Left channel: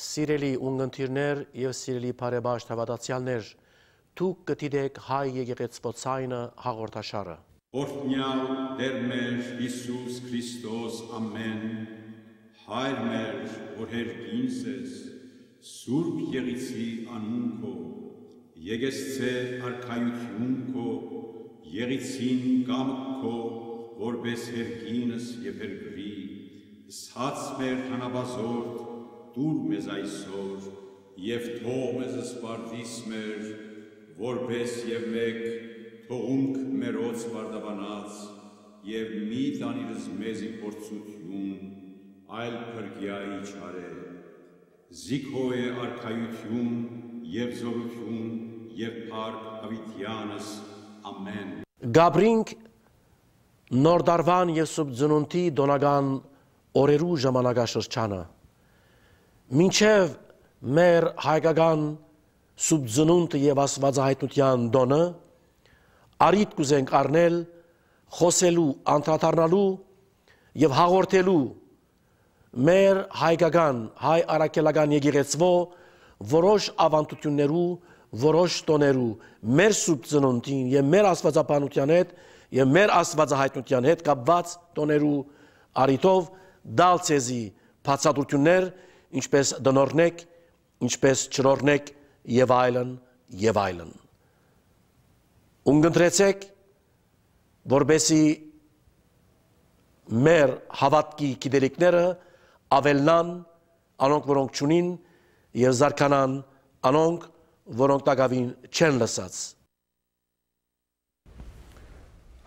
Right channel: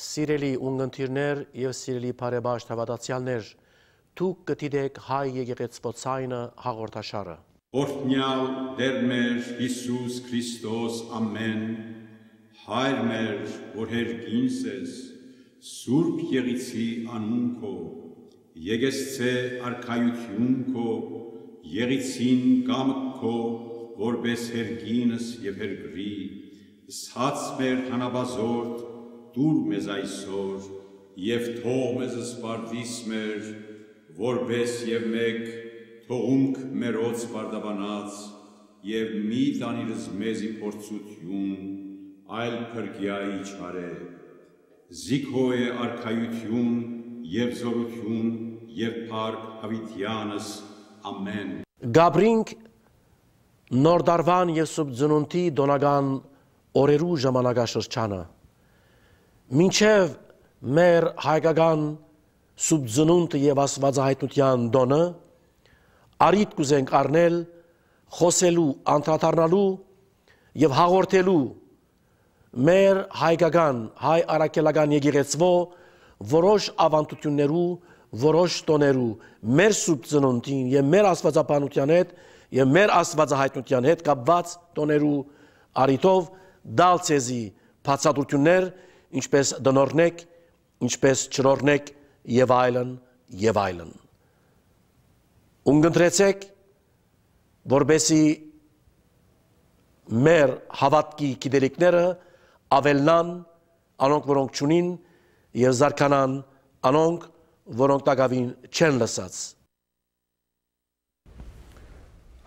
Սիրելի ունգընտիրներ եւ սիրելի բարեբաշտ հավատացյալներ, դուք կդիտեք հայ եկեղեցվոցայնը հաղորդաշարը։ Օրհնյալ Տեր մեր Հիսուս Քրիստոս ամեն, Հայր մեր, որ հերկինս ես, Սուրբ Եղիցի անուն քո, եկեղեցե արքայություն քո, Եղիցին կամք քո, որպես հերկինս եւ հերգրի, սած մեր հանաբազորդ, դուր մեզ այսօր, եւ թող մեզ սպարտիս մեր, որպես եւ մեկ թողունք մերոց բարդաբանած, եւ մի տանիրս մեզի փորձություն, այլ փրկյայի չարե, զիքո է արքայություն եւ զորություն եւ փառք հավիտյանս, ամեն։ Գաբրինք նոր դարվան եւ սուրբ ծնունդի դոնական օրերու ժամանակաշրջանը մինչև մեր հայկական սուրբ ծնունդը եւ աստվածահայտնության դոնը արիտ կուզենք առնել խոսելու, անդրադառնալու եւ հաղորդելու մեր հայկական, հայ առաքելական եկեղեցվո որոշ ավանդություններու, որոշ տոներու մեր սուրբ ծնունդին եւ մեր աստվածաբանության հետ եւ մեր աստվածահայտնության հետ կապված տոներու արիտով դալ ցեզի բացատրություններ, ինչպես դնորնեք, ինչպես չրորնեք եւ այլն եւ այլն։ Ունգընտրեցեք, որբեսի մեր հավատքի գիտելիքները ավելնան, անոնք որոնք չունին եւ զարգանան անոնք, որոնք տակավին չեն լսած։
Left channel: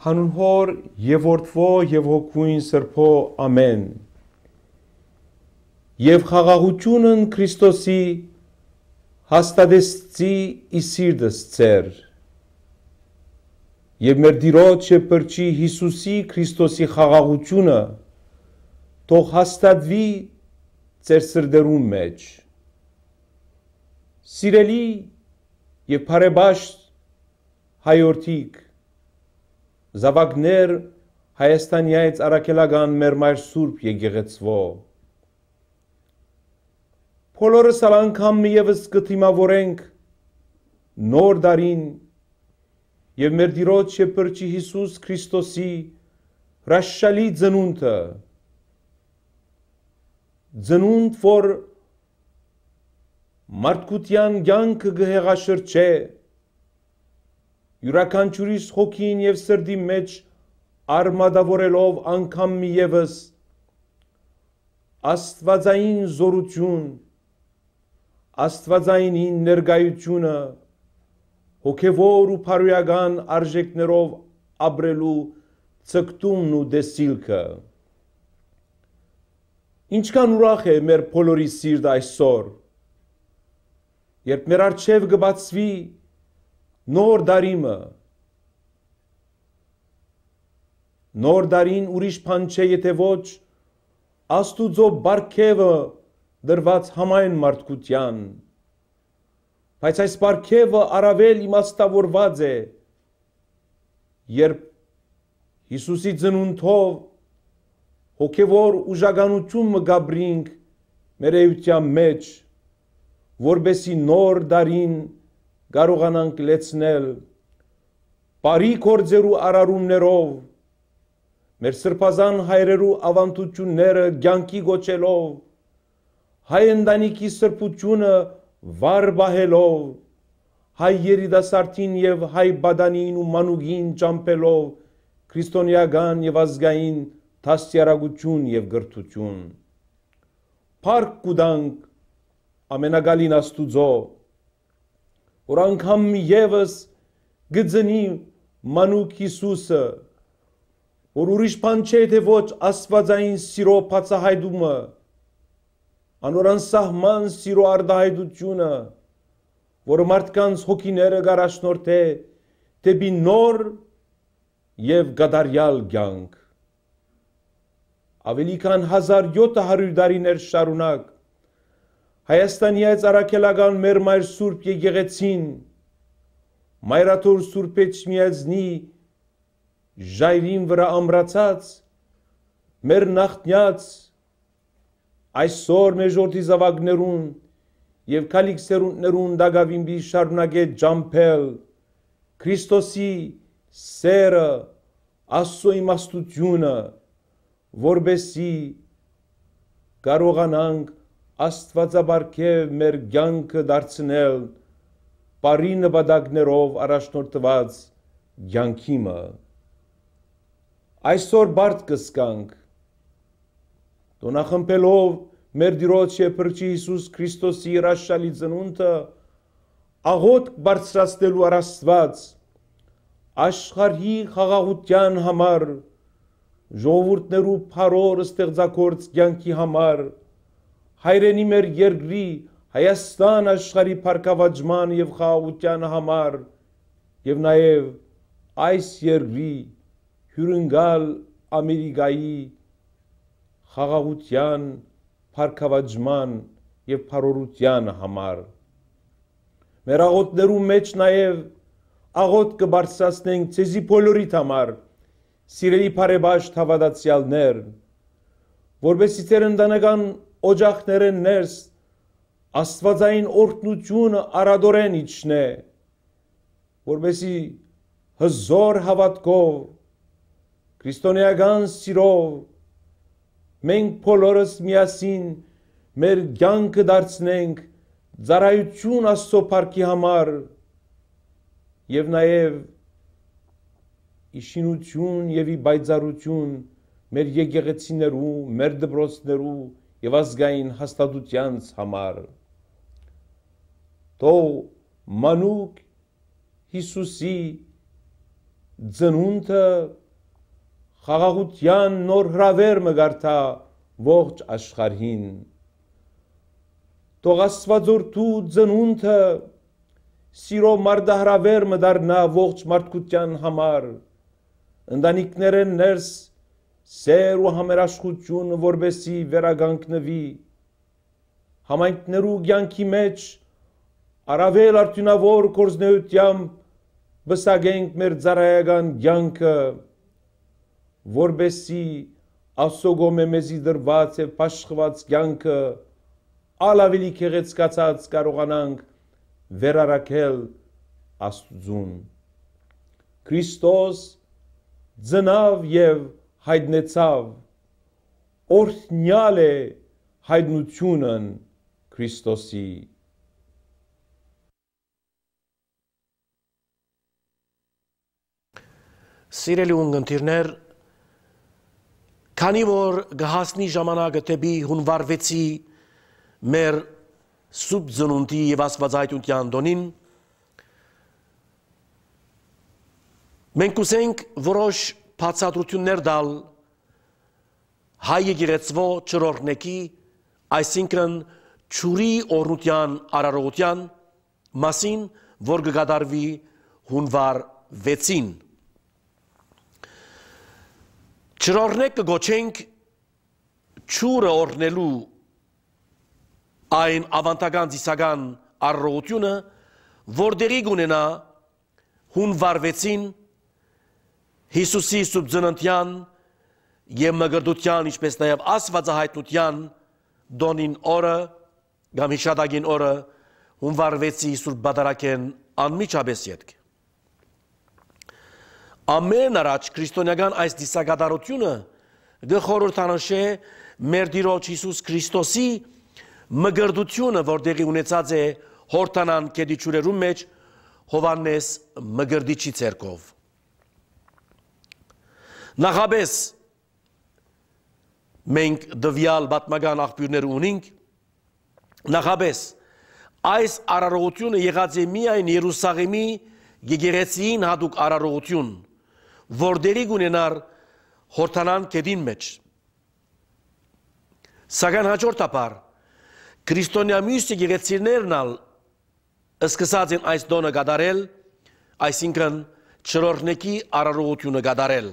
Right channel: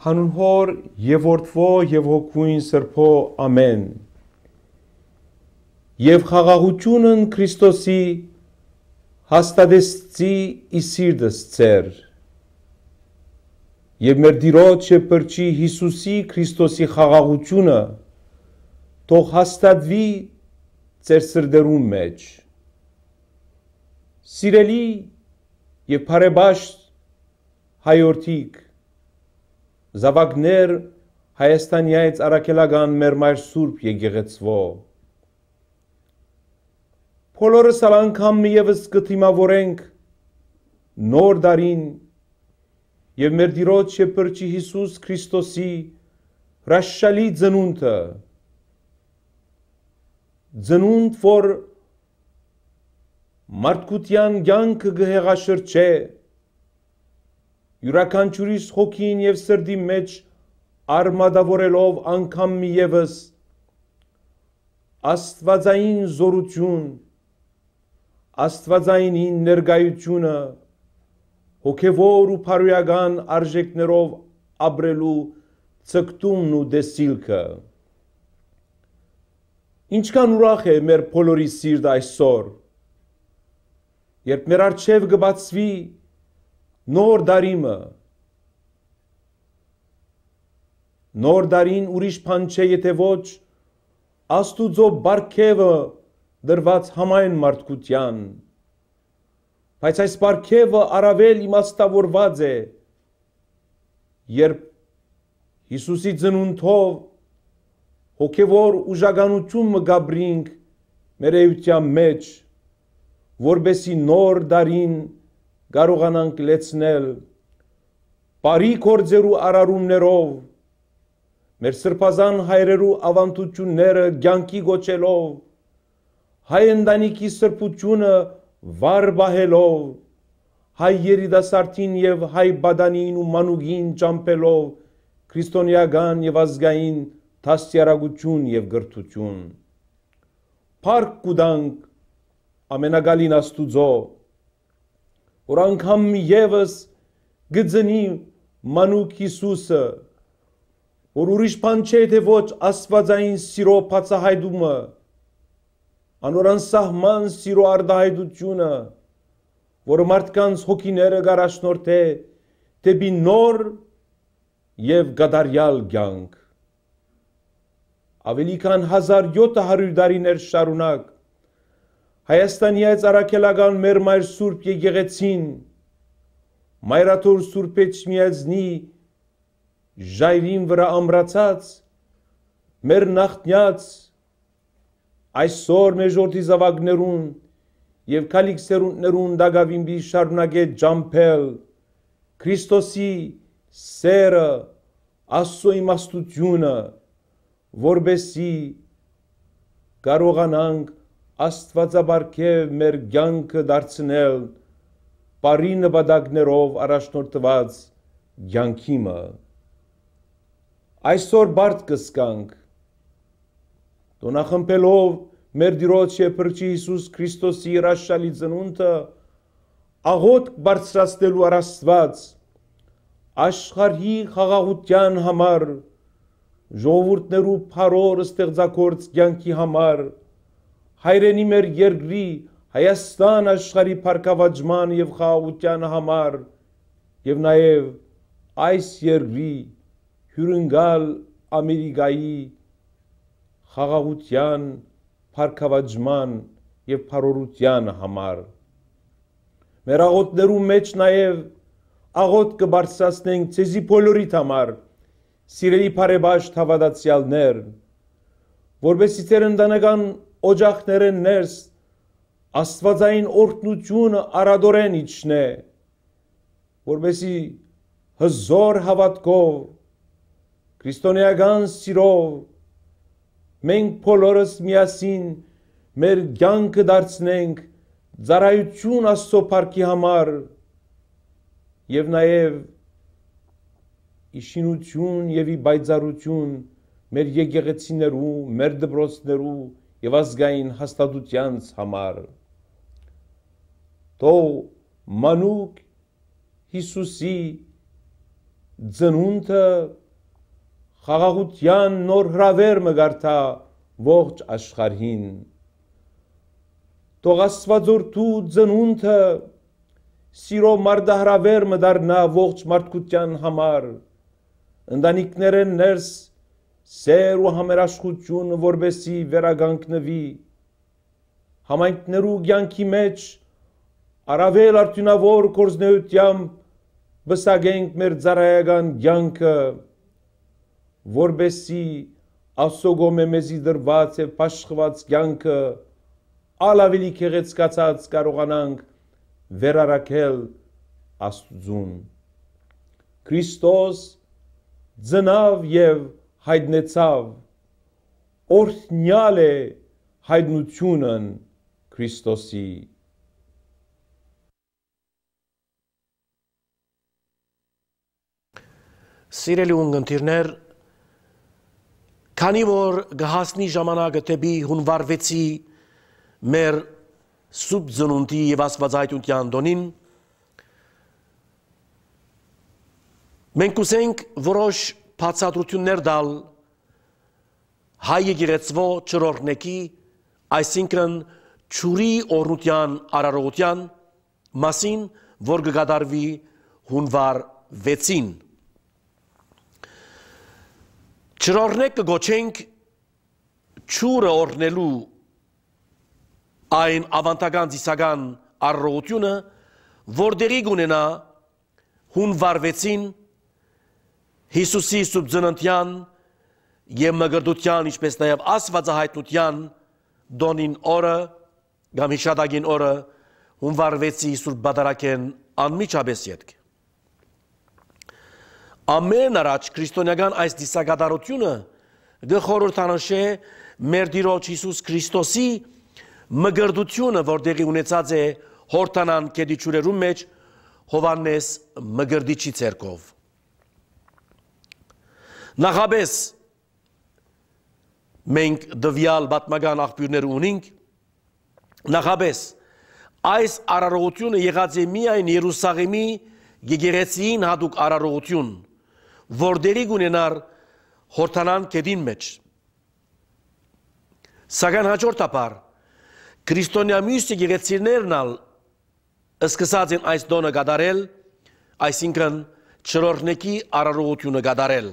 Հանուն Հոր եւ Որդվո եւ Հոգուին Սրբո ամեն։ Եվ խաղաղությունն Քրիստոսի հաստատեցի իսիրդս ծեր։ Եվ մեր Տիրոջ եւ Փրկի Հիսուսի Քրիստոսի խաղաղությունը թող հաստատվի ծեր սրդերուն մեջ։ Սիրելի եւ բարեբաշտ հայորդիկ, զավակներ Հայաստանյայց առաքելական մեր մայր Սուրբ եկեղեցվո։ Բոլորս անգամ միևս կդիմավորենք նոր դարին եւ մեր Տիրոջ եւ Փրկի Հիսուս Քրիստոսի հրաշալի ծնունդը, ծնունդ, որ մարդկության կյանքը կհեղաշրջե, յուրաքանչյուրիս հոգին եւ սրդի մեջ արմատավորելով անգամ միևս աստվածային զորություն, աստվածային ներկայությունը հոգևոր ու փարոյական արժեքներով ապրելու ցկտումն ու դեսիլքը։ Ինչքան ուրախ է մեր բոլորի սիրտը այսօր, երբ մեր առջև կբացվի նոր դարիմը, նոր դարին ուրիշ բան չէ, եթե ոչ Աստուծո բարգևը դրված համայն մարդկության, բայց այս բարգևը առավել իմաստավորված է, երբ Հիսուսի ծնունդով հոգևոր ուժականություն գաբրինք մեր էության մեջ, որբեսի նոր դարին կարողանանք լեցնել բարի գործերու արարումներով, մեր սրբազան հայրերու ավանդությունները կյանքի գոչելով, հայ ընտանիքի սրբությունը վար բահելով, հայ երիտասարդին եւ հայ բադանին ու մանուկին ճամփելով քրիստոնեական եւ ազգային դաստիարակություն եւ գրթություն։ Փառք կուտանք ամենագալին Աստուծո, որ անգամ եւս գծնի մանուկ Հիսուսը, որ ուրիշ բան չէ, թե ոչ աստվածային սիրո բացահայտումը, անոր անսահման սիրո արտահայտությունը, որը մարդկանց հոգիները գարաշնորհե դեպի նոր եւ գադարյալ կյանք։ Ավելի քան 1700 տարիներ շարունակ Հայաստանյայց առաքելական մեր մայր Սուրբ եկեղեցին Մայրաթոր Սուրբ Էջմիածնի ժայրին վրա ամրացած մեր նախնյաց այսօր մեր ժողովրդի զավակներուն եւ քալիք սերունդներուն դագավին բի շարունակե ջամփել Քրիստոսի սերը Աստծո իմաստությունը որբեսի կարողանանք Աստվածաբարքև մեր կյանքը դարձնել բարի նպատակներով առաջնորդված կյանքիմը այսօր բարդ կսկանք տոնախմբելով մեր Տիրոջ եւ Փրկիչ Հիսուս Քրիստոսի հրաշալի ծնունդը աղոթք բարձրացնելու Աստված աշխարհի խաղաղության համար ժողովուրդներու փառոր ստեղծագործ կյանքի համար հայրենի մեր երկրի Հայաստան աշխարհի փառքավաճման եւ խաղաղության համար եւ նաեւ այս երկրի հյուրընկալ Ամերիկայի խաղաղության փառքավաճման եւ փառորության համար մեր աղոթներու մեջ նաեւ աղոթք կբարձրացնենք ցեզի բոլորիդ համար սիրելի բարեբաշտ հավատացյալներ որովհետեւ ձեր ընտանեկան օջախները ներս Աստվածային օրհնությունը արադորեն իջնե որովհետեւ հզոր հավատքով քրիստոնեական սիրով մենք բոլորս միասին մեր կյանքը դարձնենք ծառայություն Աստծո փառքի համար եւ նաեւ իշինություն եւ պայծառություն մեր եկեղեցիներու, մեր դպրոցներու եւ ազգային հաստատության համար թող մանուկ Հիսուսի ծնունդը խաղաղության նոր հրավերը գարտա ողջ աշխարհին թող Աստվածորդու ծնունդը սիրո մարտահրավերը դառնա ողջ մարդկության համար ընտանիքներեն ներս սեր ու համերաշխություն որբեսի վերագանքնվի համայնքներու կյանքի մեջ առավել արդյունավոր կորզնեությամբ բսագենք մեր ծառայական կյանքը որբեսի Աստծո գոմե մեզի դրված եւ փաշխված կյանքը ալավելի քեղեցկացած կարողանանք վերարակել Աստծուն Քրիստոս ծնավ եւ հայտնեցավ օրհնյալ է հայտնությունն Քրիստոսի Սիրելի ունգընտիրներ քանի որ գահասնի ժամանակը դեպի հունվար 6-ի մեր սուրբ ծնունդի եւ աստվածայնության տոնին մենք կուզենք որոշ բացատրություններ տալ հայ եկեղեցվո չորրորդնեկի այսինքն ճուրի օրնության արարողության մասին որ կգադարվի հունվար 6-ին Չորրորդ կգոչենք ճուրը օրնելու այն ավանդական ծիսական արարողությունը, որ դերի կունենա հունվար 6-ին Հիսուսի սուրբ ծննդյան եւ մգրտության, ինչպես նաեւ աստվածահայտնության դոնին օրը կամ հիշատակին օրը հունվար 6-ի սուրբ բադարակեն անմիջապես ետք Ամեն առաջ քրիստոնեական այս դիսակատարությունը գխորհրդանշե մեր Տիրոջ Հիսուս Քրիստոսի մգրտությունը, որ տեղի ունեցած է հորտանան կեդիչուրերու մեջ Հովանես մգրտիչի ցերկով։ Նախաբես մենք դվյալ պատմական աղբյուրներ ունենք, նախաբես այս արարողությունը եղած է միայն Երուսաղեմի եկեղեցին հատուկ արարողություն, որ դերի կունենար հորտանան կեդին մեջ։ Սակայն հաջորդաբար քրիստոնյա մյուս եկեղեցիներն ալ սկսած են այս տոնը կատարել, այսինքն չորրորդնեկի արարողությունը կատարել։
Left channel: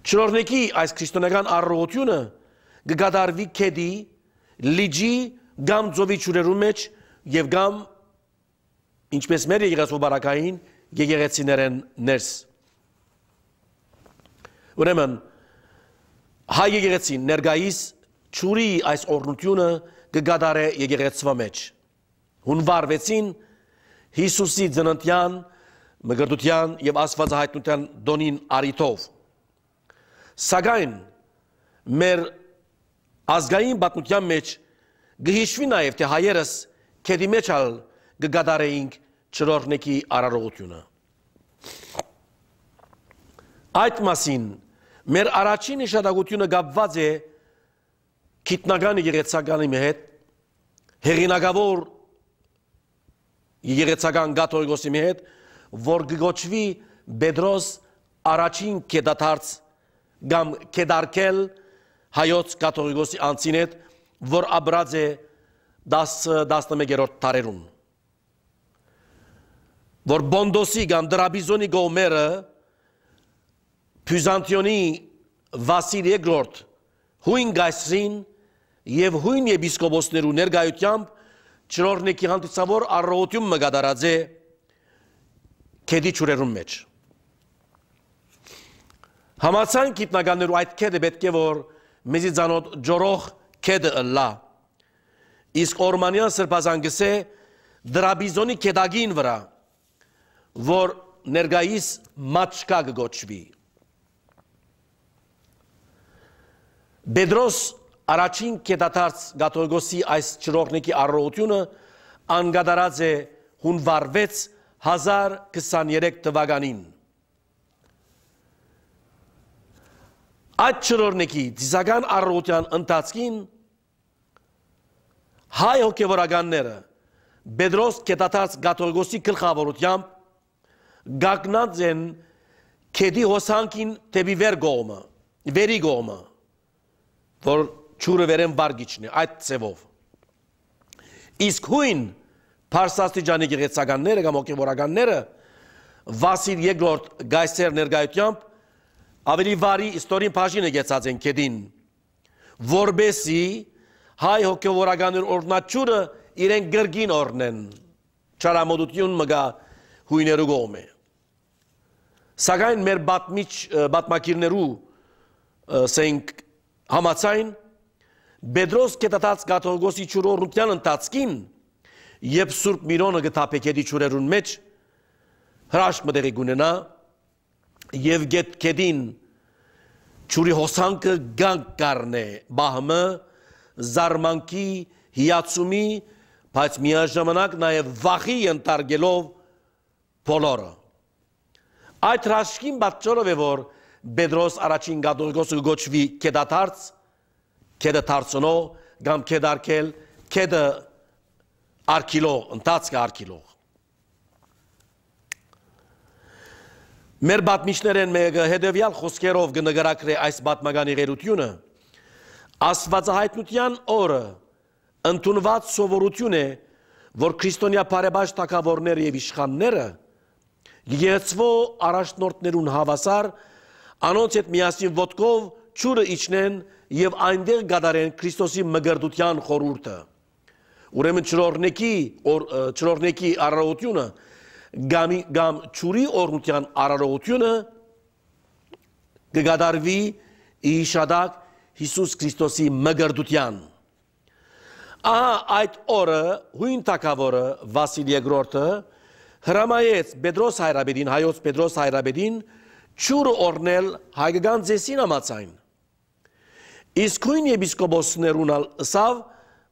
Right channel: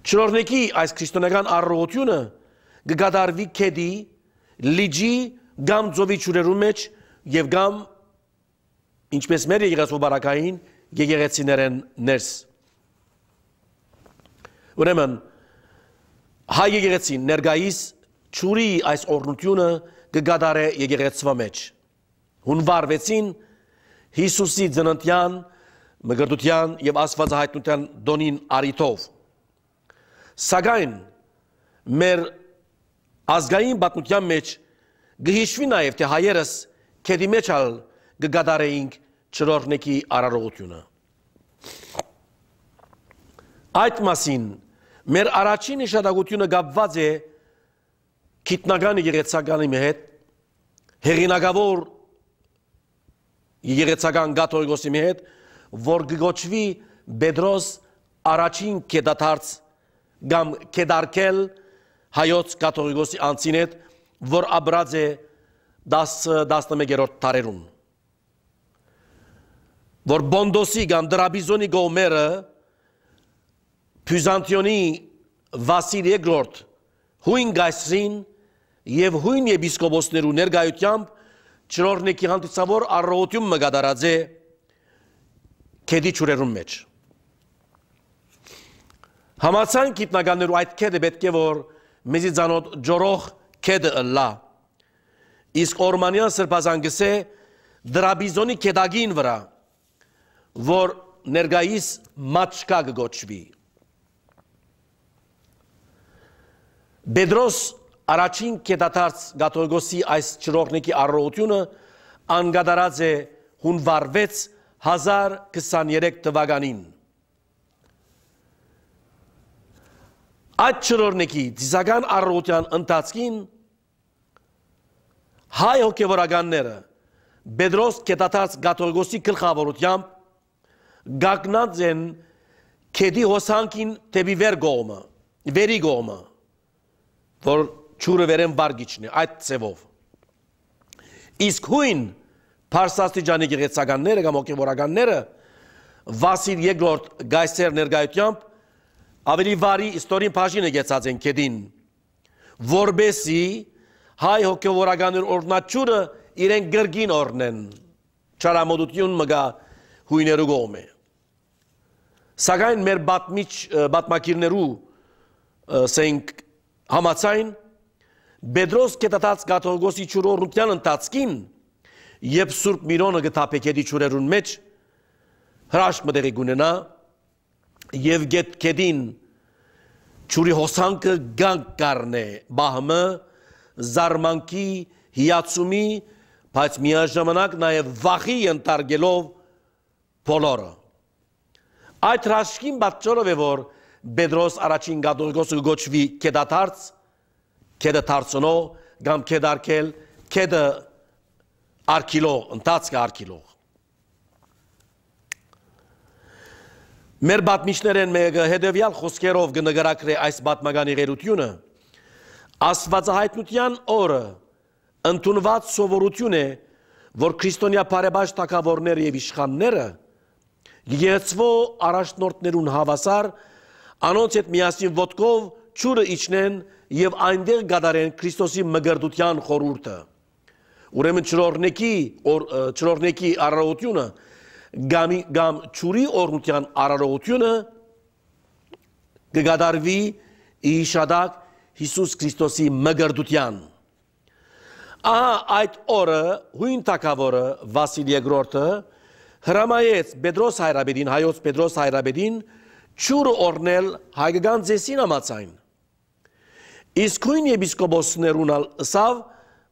Չորրորդնեկի այս քրիստոնեական արարողությունը կկատարվի կեդի, լիջի, կամ ծովի ջուրերու մեջ եւ կամ ինչպես մեր եկեղեցու բարակային եկեղեցիներեն ներս։ Ուրեմն հայ եկեղեցին ներկայիս ճուրի այս օրհնությունը կգադարե եկեղեցվա մեջ։ Հունվար 6-ին Հիսուսի ծննդյան, մգրտության եւ աստվածահայտնության դոնին արիթով։ Սակայն մեր ազգային պատմության մեջ գհիշվի նաեւ թե հայերս քեդի մեջ ալ կգադարեինք չորրորդի արարողությունը։ Այդ մասին մեր առաջին նշանակությունը կապված է գիտնական եկեղեցականի հետ, հեղինակավոր եկեղեցական կաթողիկոսի հետ, որ կգոչվի Պետրոս առաջին կեդաթարց կամ կեդարկել հայոց կաթողիկոսի անձին հետ, որ ապրած է 11-րդ դարերում։ Որ Բոնդոսի կամ Դրաբիզոնի գոմերը Բյուզանտիոնի Վասիլ II հույն գայսրին եւ հույն եպիսկոպոսներու ներկայությամբ չորրորդի հանդիսավոր առողջություն մգադարած է քեդի ճուրերում մեջ։ Համացան գիտնականներու այդ քեդը պետք է որ մեզի ցանոթ ջորող քեդը ըլլա։ Իսկ օրմանյան սրբազան գսե Դրաբիզոնի քեդագին վրա, որ ներկայիս մաչկա կգոչվի։ Պետրոս առաջին կետաթարց կաթողիկոսի այս չորրորդի առողջությունը անգադարած է հունվար 6 1023 թվականին։ Այդ չորրորդի դիսական առողջության ընթացքին հայ հոգևորականները Պետրոս կետաթարց կաթողիկոսի գլխավորությամբ գագնած են քեդի հոսանքին դեպի վերի կողմը, որ ճուրը վերեն վարգիչն է, այդ ծևով։ Իսկ հույն Փարսաստիճանի եկեղեցականները կամ հոգևորականները Վասիլ II գայսեր ներկայությամբ ավելի վարի իստորին բաժին եկեցած են քեդին, որբեսի հայ հոգևորականներ օրնաճուրը իրեն գրգին օրնեն, չարամոդություն մգա հույներու կողմը։ Սակայն մեր պատմակիրներու սենք համացայն Պետրոս կետաթարց կաթողիկոսի չորրորդության ընթացքին երբ Սուրբ Միրոնը գտապե քեդի ճուրերուն մեջ հրաշք մտեղի գունենա եւ քեդին ճուրի հոսանքը գանք կառնե բահմը զարմանքի հիացումի բայց միաժամանակ նաեւ վախի ընտարգելով բոլորը։ Այդ հրաշքին պատճառով է որ Պետրոս առաջին կաթողիկոսը գոչվի կեդաթարց, քեդը թարցնո կամ քեդարկել, քեդը արքիլող, ընթացքը արքիլող։ Մեր պատմիչներեն մեկը հետևյալ խոսքերով կնկարագրե այս պատմական եղերությունը, Աստվածահայտնության օրը ընդունված սովորություն է, որ քրիստոնյա բարեբաշխ թագավորները եւ իշխանները եկեղեցվո առաջնորդներուն հավասար անոնց հետ միասին ոտքով ճուրը իջնեն եւ այնտեղ գադարեն Քրիստոսի մգրտության խորհուրդը։ Ուրեմն չորրորդի արարողությունը կամ ճուրի օրնության արարողությունը կգադարվի իշադակ Հիսուս Քրիստոսի մգրտության։ Ահա այդ օրը հույն թագավորը Վասիլ II հրամայեց Պետրոս հայրաբեդին, հայոց Պետրոս հայրաբեդին ճուրը օրնել հայկական ձեսին համաձայն։ Իսկ հույն եպիսկոպոսներուն ըսավ,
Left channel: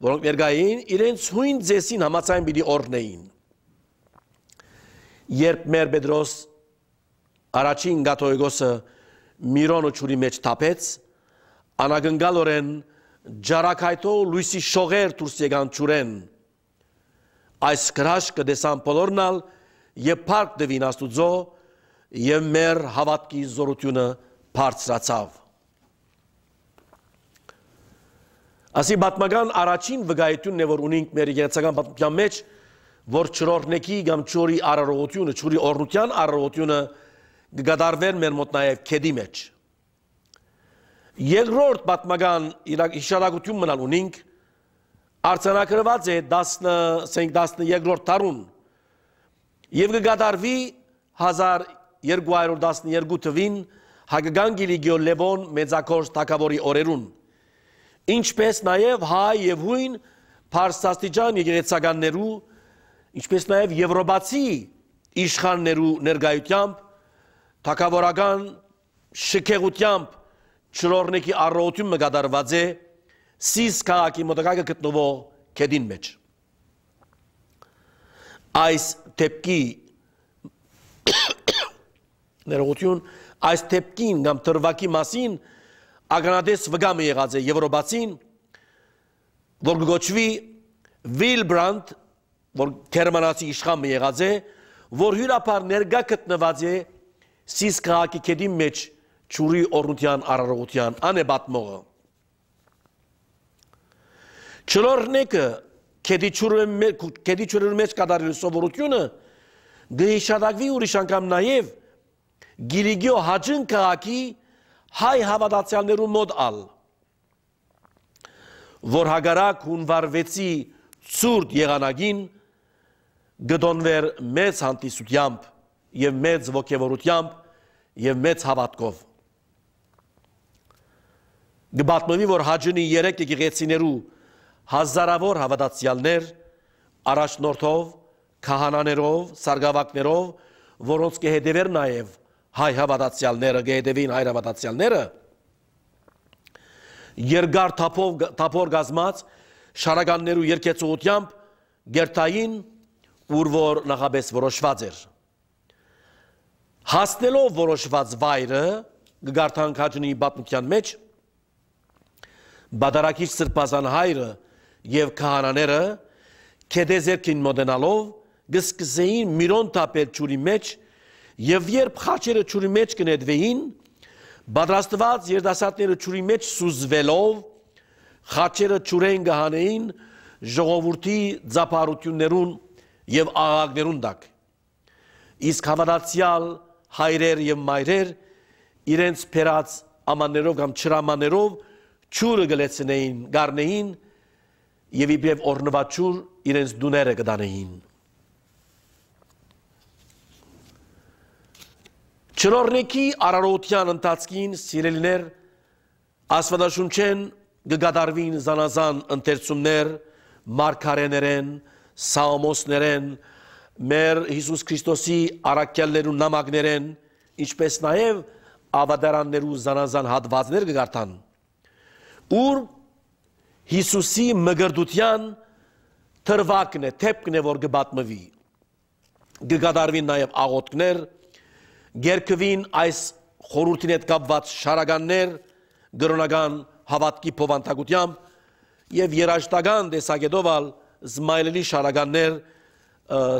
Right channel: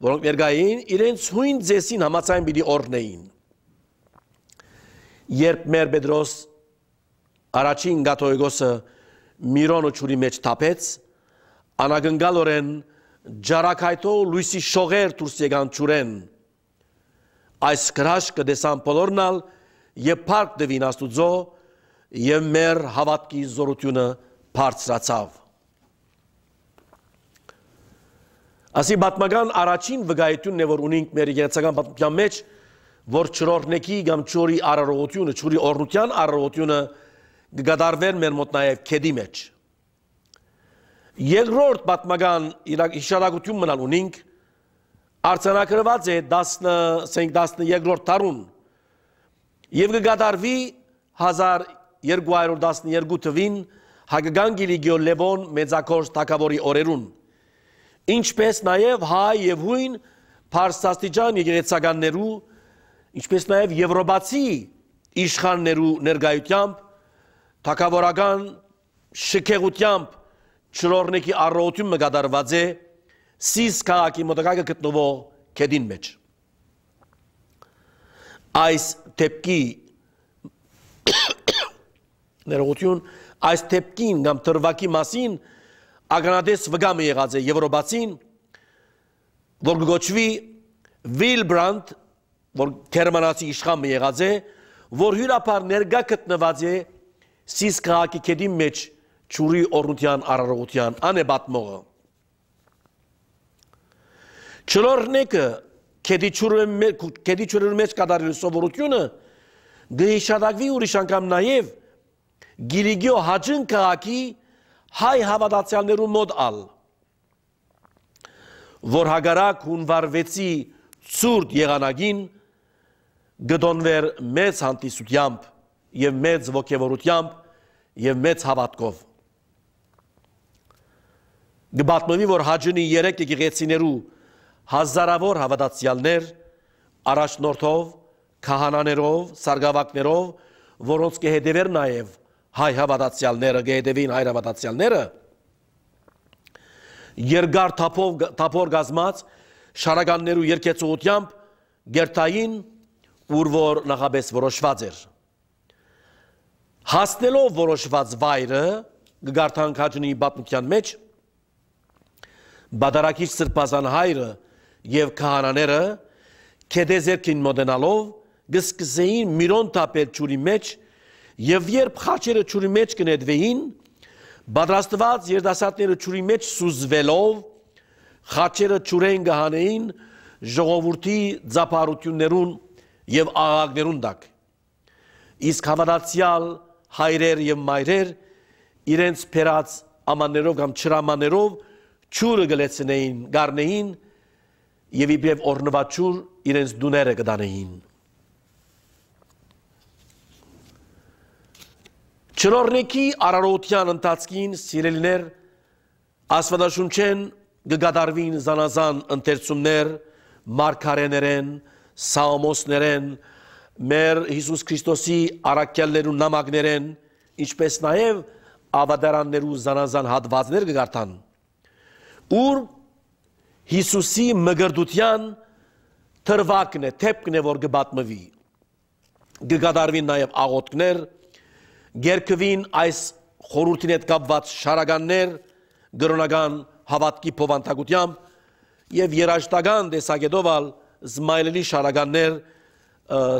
որոնք ներկային իրենց հույն ձեսին համաձայն պիտի օրնեին։ Երբ մեր Պետրոս առաջին կաթողիկոսը Միրոնը ճուրի մեջ թափեց, անագնկալորեն ջարակայթով լույսի շողեր դուրս եկան ճուրեն։ Այս հրաշքը տեսան բոլորնալ եւ փառք տվին Աստուծո եւ մեր հավատքի զորությունը բարձրացավ։ Ասի պատմական առաջին վկայությունն է որ ունենք մեր եկեղեցական պատմության մեջ, որ չորրորդի կամ ճուրի արարողությունը, ճուրի օրնության արարողությունը կգադարվեր մեր մոտ նաեւ քեդի մեջ։ Երկրորդ պատմական հիշարակություն մնալ ունենք արձանագրված է 12-րդ դարուն եւ կգադարվի 1212 թվին հայկական Գիլիգիո Լևոն մեծակորս թագավորի օրերուն, ինչպես նաեւ հայ եւ հույն Փարսաստիճան եկեղեցականներու, ինչպես նաև եվրոպացի իշխաններու ներկայությամբ թագավորական շքեղությամբ չլորնեկի առողջությունը կատարված է Սիս քաղաքի մոտակայքը գտնվող քեդին մեջ։ Այս դեպքի ներողություն, այս դեպքին կամ դրվագի մասին ականատես վգամը եղած է եվրոպացին, որ գոչվի Վիլբրանդ, որ գերմանացի իշխանը եղած է, որ հյուրապար ներկա գտնված է Սիս քաղաքի քեդի մեջ ճուրի օրնության արարողության անեբատմողը։ Չլորնեկը քեդի ճուրի մեջ կատարելու սովորությունը գհիշադակվի ուրիշ անգամ նաև Գիլիգիո հաջն քաղաքի հայ հավատացյալներու մոտ ալ, որ հագարակ հունվար 6-ի ցուրտ եղանակին գտոնվեր մեծ հանդիսությամբ եւ մեծ ոգևորությամբ եւ մեծ հավատքով։ Գբատմվի, որ հաջնի 3 եկեղեցիներու հազարավոր հավատացյալներ առաջնորդով, քահանաներով, սարգսակներով, որոնց կհետևեր նաև հայ հավատացյալները, կհետևին հայ հավատացյալները, երկար թափոր գազմած շարականներու երկեցողությամբ գերտային, ուր որ նախապես որոշված էր։ Հասնելով որոշված վայրը, գարտանք հաջնի պատմության մեջ, բադարակիչ սրբազան հայրը և քահանաները քեդեզերքին մոտենալով գսկսեին միրոն տապել ջուրի մեջ և երբ խաչերը ջուրի մեջ կնետվեին, պատրաստված երիտասարդները ջուրի մեջ սուզվելով խաչերը ջուրեն կհանեին ժողովրդի ծափարություններուն և աղաղակներուն տակ։ Իսկ հավատացյալ հայրեր և մայրեր իրենց փերած ամաններով կամ չրամաներով ջուրը գլեցնեին, գառնեին և իբրև օրնված ջուր իրենց դուները կտանեին։ Չլորնեկի արարողության ընթացքին սիրելիներ Աստվածաշունչեն կկատարվին զանազան ընթերցումներ, մարգարեներեն, սաղմոսներեն, մեր Հիսուս Քրիստոսի առաքյալներու նամակներեն, ինչպես նաև ավետարաններու զանազան հատվածներ կգարտան, ուր Հիսուսի մգրդության թրվակն է, թեպքն է, որ կպատմվի, կկատարվին նաև աղոթքներ, գերկվին այս խորհրդին հետ կապված շարականներ, գրոնական հավատքի փոխանցությամբ եւ երաժշտական տեսակետով զմայլելի շարականներ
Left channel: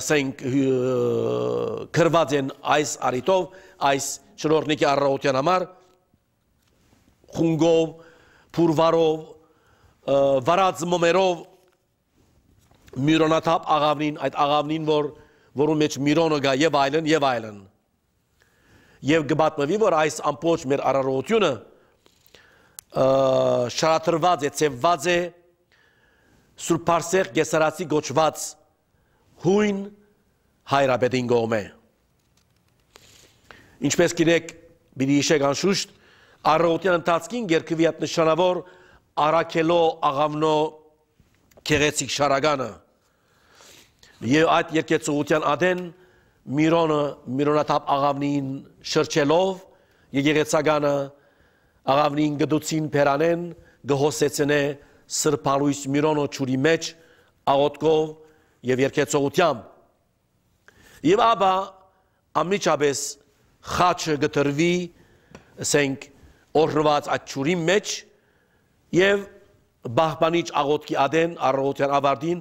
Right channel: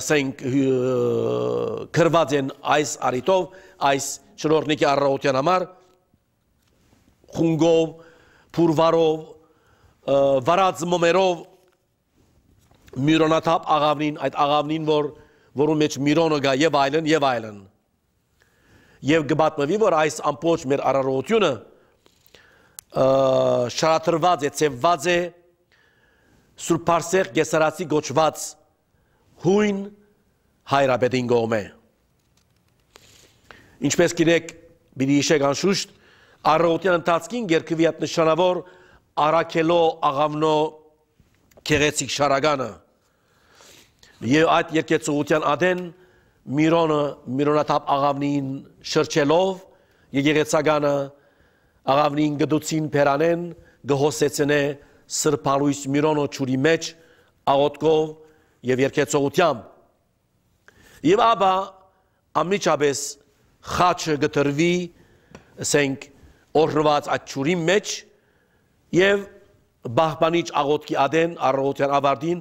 սենք կրված են այս արիտով, այս չլորնիկի առողջության համար, խունգով, փուրվարով, վարած մոմերով, միրոնաթափ աղավնին, այդ աղավնին, որում մեջ միրոնը գա եւ այլն եւ այլն։ Եվ գբատմվի, որ այս ամբողջ մեր արարողությունը շարադրված է, ծեվված է Սուրբ Պարսեղ Գեսարացի գոչված հույն հայրապետին կողմէ։ Ինչպես գիտեք, պիտի հիշեք անշուշտ, առողջության ընթացքին գերկվի այդ նշանավոր Արաքելո աղավնո գեղեցիկ շարականը եւ այդ երկեցողության ադեն միրոնաթափ աղավնին շրջելով եկեղեցականը աղավնին գդուցին փերանեն գհոսեցնե սրբալույս միրոնո ճուրի մեջ աղոթքով եւ երկեցողությամբ եւ ապա ամիջապես խաչը գտրվի ասենք օրնված այդ ճուրի մեջ եւ բահբանիչ աղոթքի ադեն առողջության ավարտին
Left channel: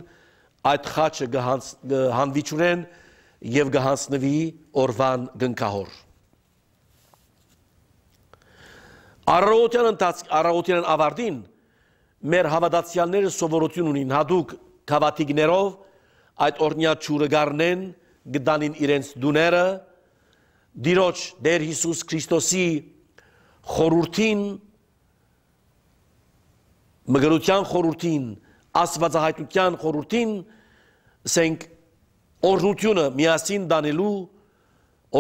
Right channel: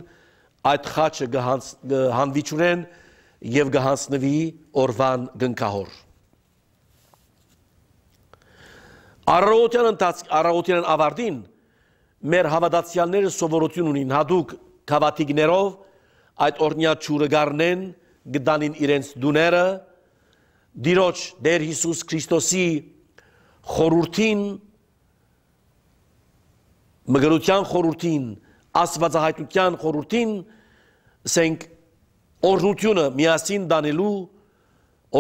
այդ խաչը գհանվի ճուրեն եւ գհանցնվի օրվան գնքահոր առողջության ավարտին մեր հավատացյալները սովորություն ունին հատուկ քավաթիկներով այդ օրնյա ճուրը գառնեն գտանին իրենց դուները Դիրոջ Տեր Հիսուս Քրիստոսի խորհրդին մգրության խորհրդին աստվածահայտության խորհրդին ասենք օրհնությունը միասին դանելու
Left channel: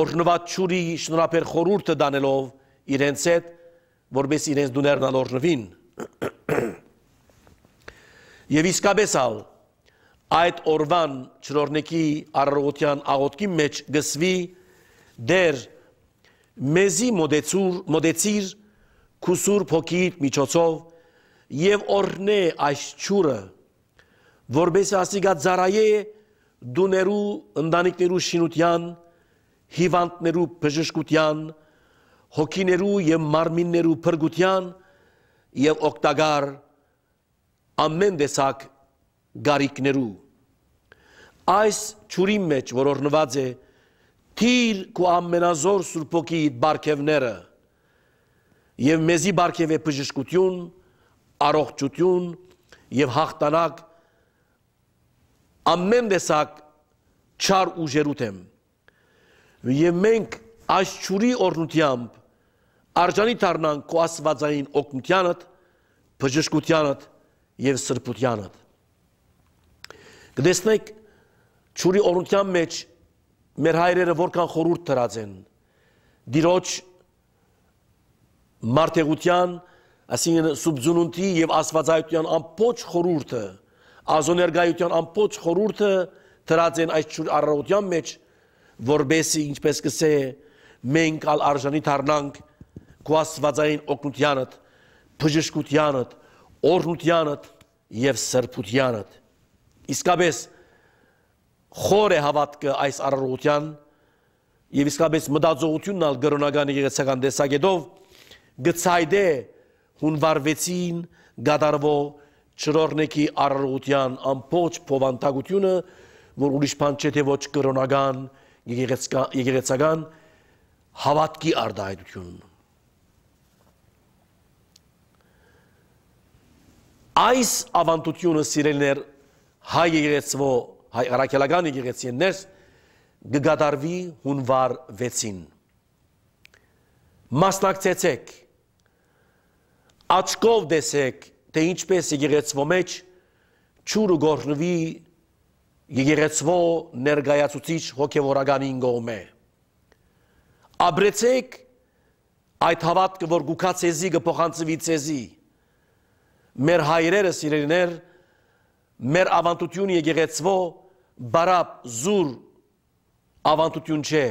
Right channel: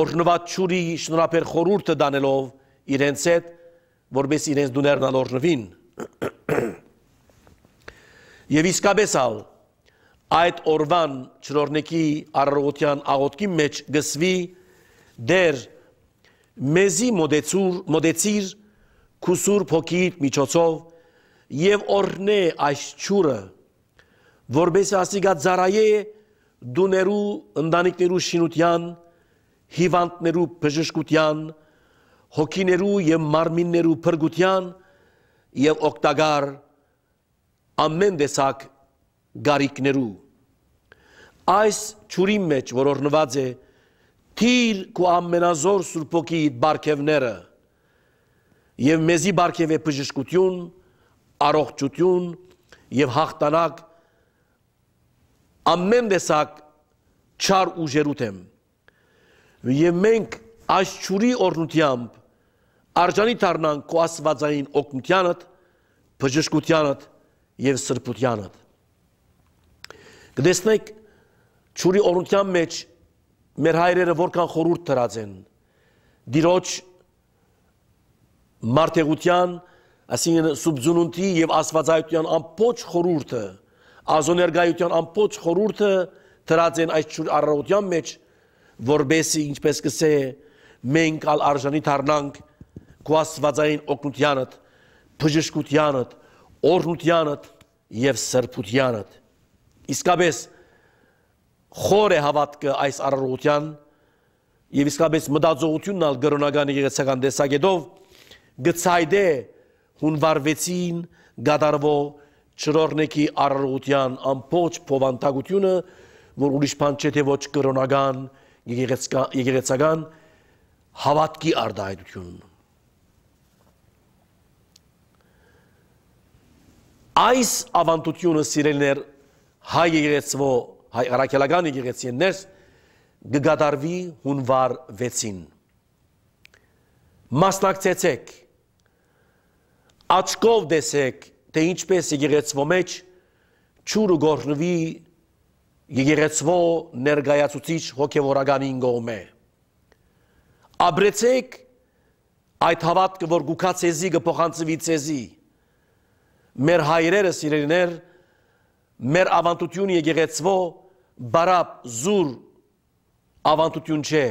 օրհնված ճուրի շնորհապեր խորհուրդը դանելով իրենց հետ որպես իրենց դուներն օրհնվին Եվ իսկապես ալ այդ օրվան չրորնեկի առողջության աղոթքի մեջ գսվի դեր մեզի մոդեցիր քուսուր փոքիտ միջոցով եւ օրնե այս ճուրը որբես ասիգա ծարայե դուներու ընտանիքներու շինության հիվանդներու բժշկության հոգիներու եւ մարմիններու փրկության եւ օգտակար ամեն տեսակ գարիկներու այս ճուրի մեջ որ օրնված է թիր ու ամենազոր սուրբոքի բարգևները եւ մեզի բարգև է բժշկություն առողջություն եւ հաղթանակ ամեն տեսակ չար ուժերութեմ եւ մենք այս ճուրի օրնությամբ արժանի դառնանք քո աստվածային օգնությանդ բժշկությանդ եւ սրբությանդ կտեսնեք ճուրի օրնության մեջ մեր հայրերը որքան խորհուրդ դրած են դիրոջ մարդեղության այսինքն սուբզունունտի եւ աստվածայության ամբողջ խորհուրդը ազոներգայության ամբողջ խորհուրդը դրած են այս ճուրի առողջության մեջ որբեսի ինչպես կսե մենք ալ արժանի դառնանք քո աստվածային օգնությանդ բժշկությանդ օրհնությանդ եւ սրբությանդ իսկապես խոր է հավատքը այս առողջության եւ իսկապես մտածողությունն ալ գրոնական եկեղեցական տեսակետով գծայդե հունվար 6-ին գդարվող չրորնեկի առողջության ամբողջ փոխանցությունը որ ուրիշ բան չէ թե ոչ գրոնական եկեղեցական հավատքի արտահայտություն այս ավանդությունը սիրելիներ հայ եկեղեցվո հայ առաքելական եկեղեցիներս գդարվի հունվար 6-ին մասնակցեցեք աչքով տեսեք թե ինչպես եկեղեցվո մեջ ճուրը գործնվի եկեղեցվո ներկայացուցիչ հոգևորականին կողմէ ապրեցեք այդ հավատքը որ գուքա ցեզի կփոխանցվի ցեզի մեր հայրերը սիրելիներ մեր ավանդությունը եկեղեցվո բարապ զուր ավանդություն չէ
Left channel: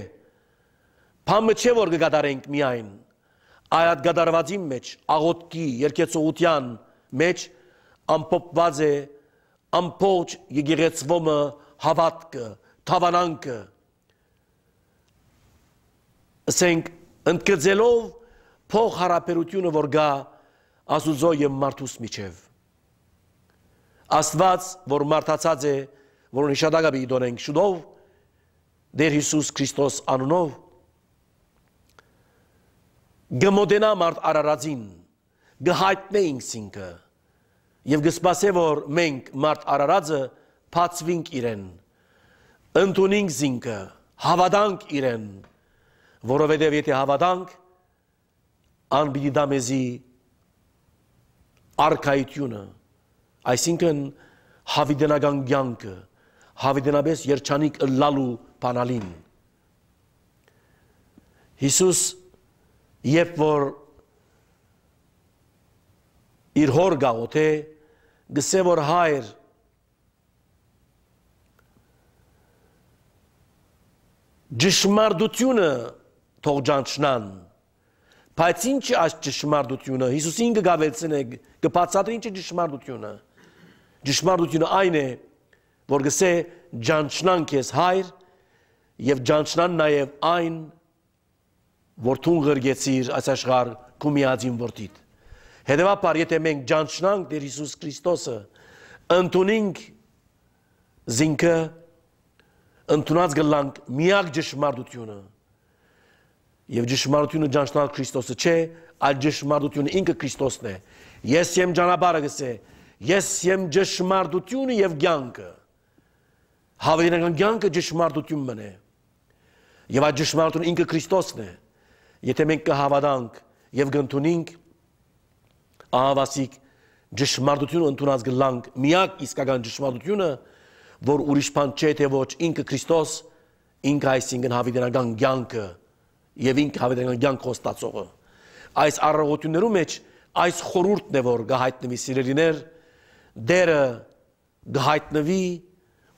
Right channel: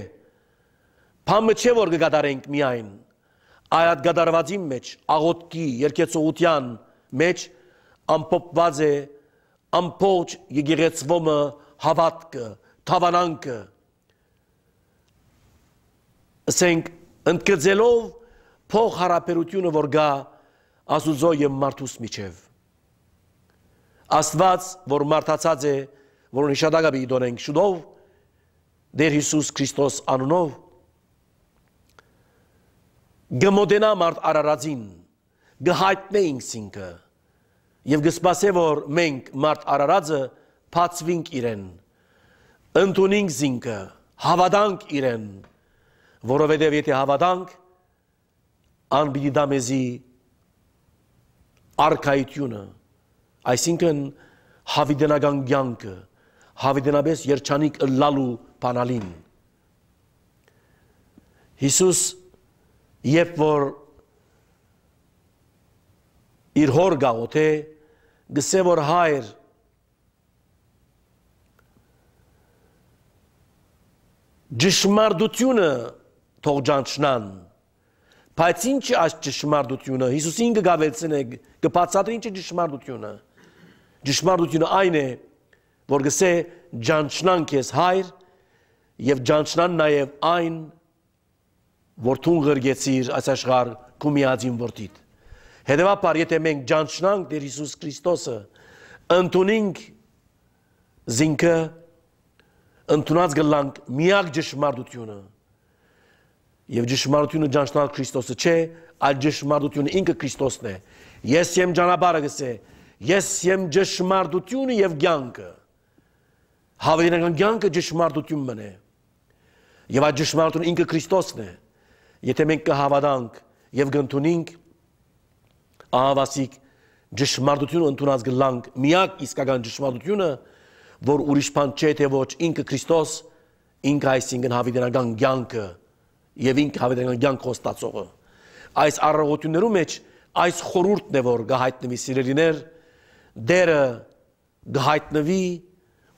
բամը չէ որ կգադարենք միայն այդ գադարվածի մեջ աղոթքի երկեցողության մեջ ամփոփված է ամբողջ եկեղեցվոմը հավատքը թավանանքը ասենք ընդգծելով փոխհարաբերությունը որ գա Աստուծո եւ մարդուս միջև Աստված որ մարդացած է որ նշադակաբի դոնենք շուտով Դեր Հիսուս Քրիստոս անունով գմոդենա մարդ արարածին գհայտնե ինքսինքը եւ գսպասե որ մենք մարդ արարածը փածվինք իրեն ընդունինք զինքը հավատանք իրեն որովհետեւ եթե հավատանք անբիդի դամեզի արքայությունը այսինքն հավիդենական կյանքը հավիդենաբես երջանիկ լալու բանալին Հիսուս երբ որ իր հոր գաղոթե գսե որ հայր ճշմարտությունը թող ճանչնան բայց ինչ է այս ճշմարտությունը Հիսուսին կգավելցնե կբացատրի ինչ է ճշմարտությունը այն է որ գսե ճանչնան քեզ հայր եւ ճանչնան նաեւ այն որ թուն գրգեցիր այս աշխարհ քու միածին որդիդ հետեւաբար եթե մենք ճանչնանք Տեր Հիսուս Քրիստոսը ընդունենք զինքը ընդունած գլանք միակ ճշմարտությունը եւ ճշմարտությունը ճանչնալ Քրիստոսը չէ այլ ճշմարտությունը ինքը Քրիստոսն է ես եմ ճանապարհը գսե ես եմ ճշմարտությունը եւ կյանքը հավերական կյանքը ճշմարտությունն է եւ այդ ճշմարտությունը ինքը Քրիստոսն է եթե մենք կհավատանք եւ կընդունենք ահավասիկ ճշմարտությունը ընդունած գլանք միակ իսկական ճշմարտությունը որ ուրիշ բան չէ թե ոչ ինքը Քրիստոս ինքը այսինքն հավերական կյանքը եւ ինքը հավերական կյանք կոստացողը այս առողջություններու մեջ այս խորհուրդն է որ գահայտնվի սիրելիներ դերը գհայտնվի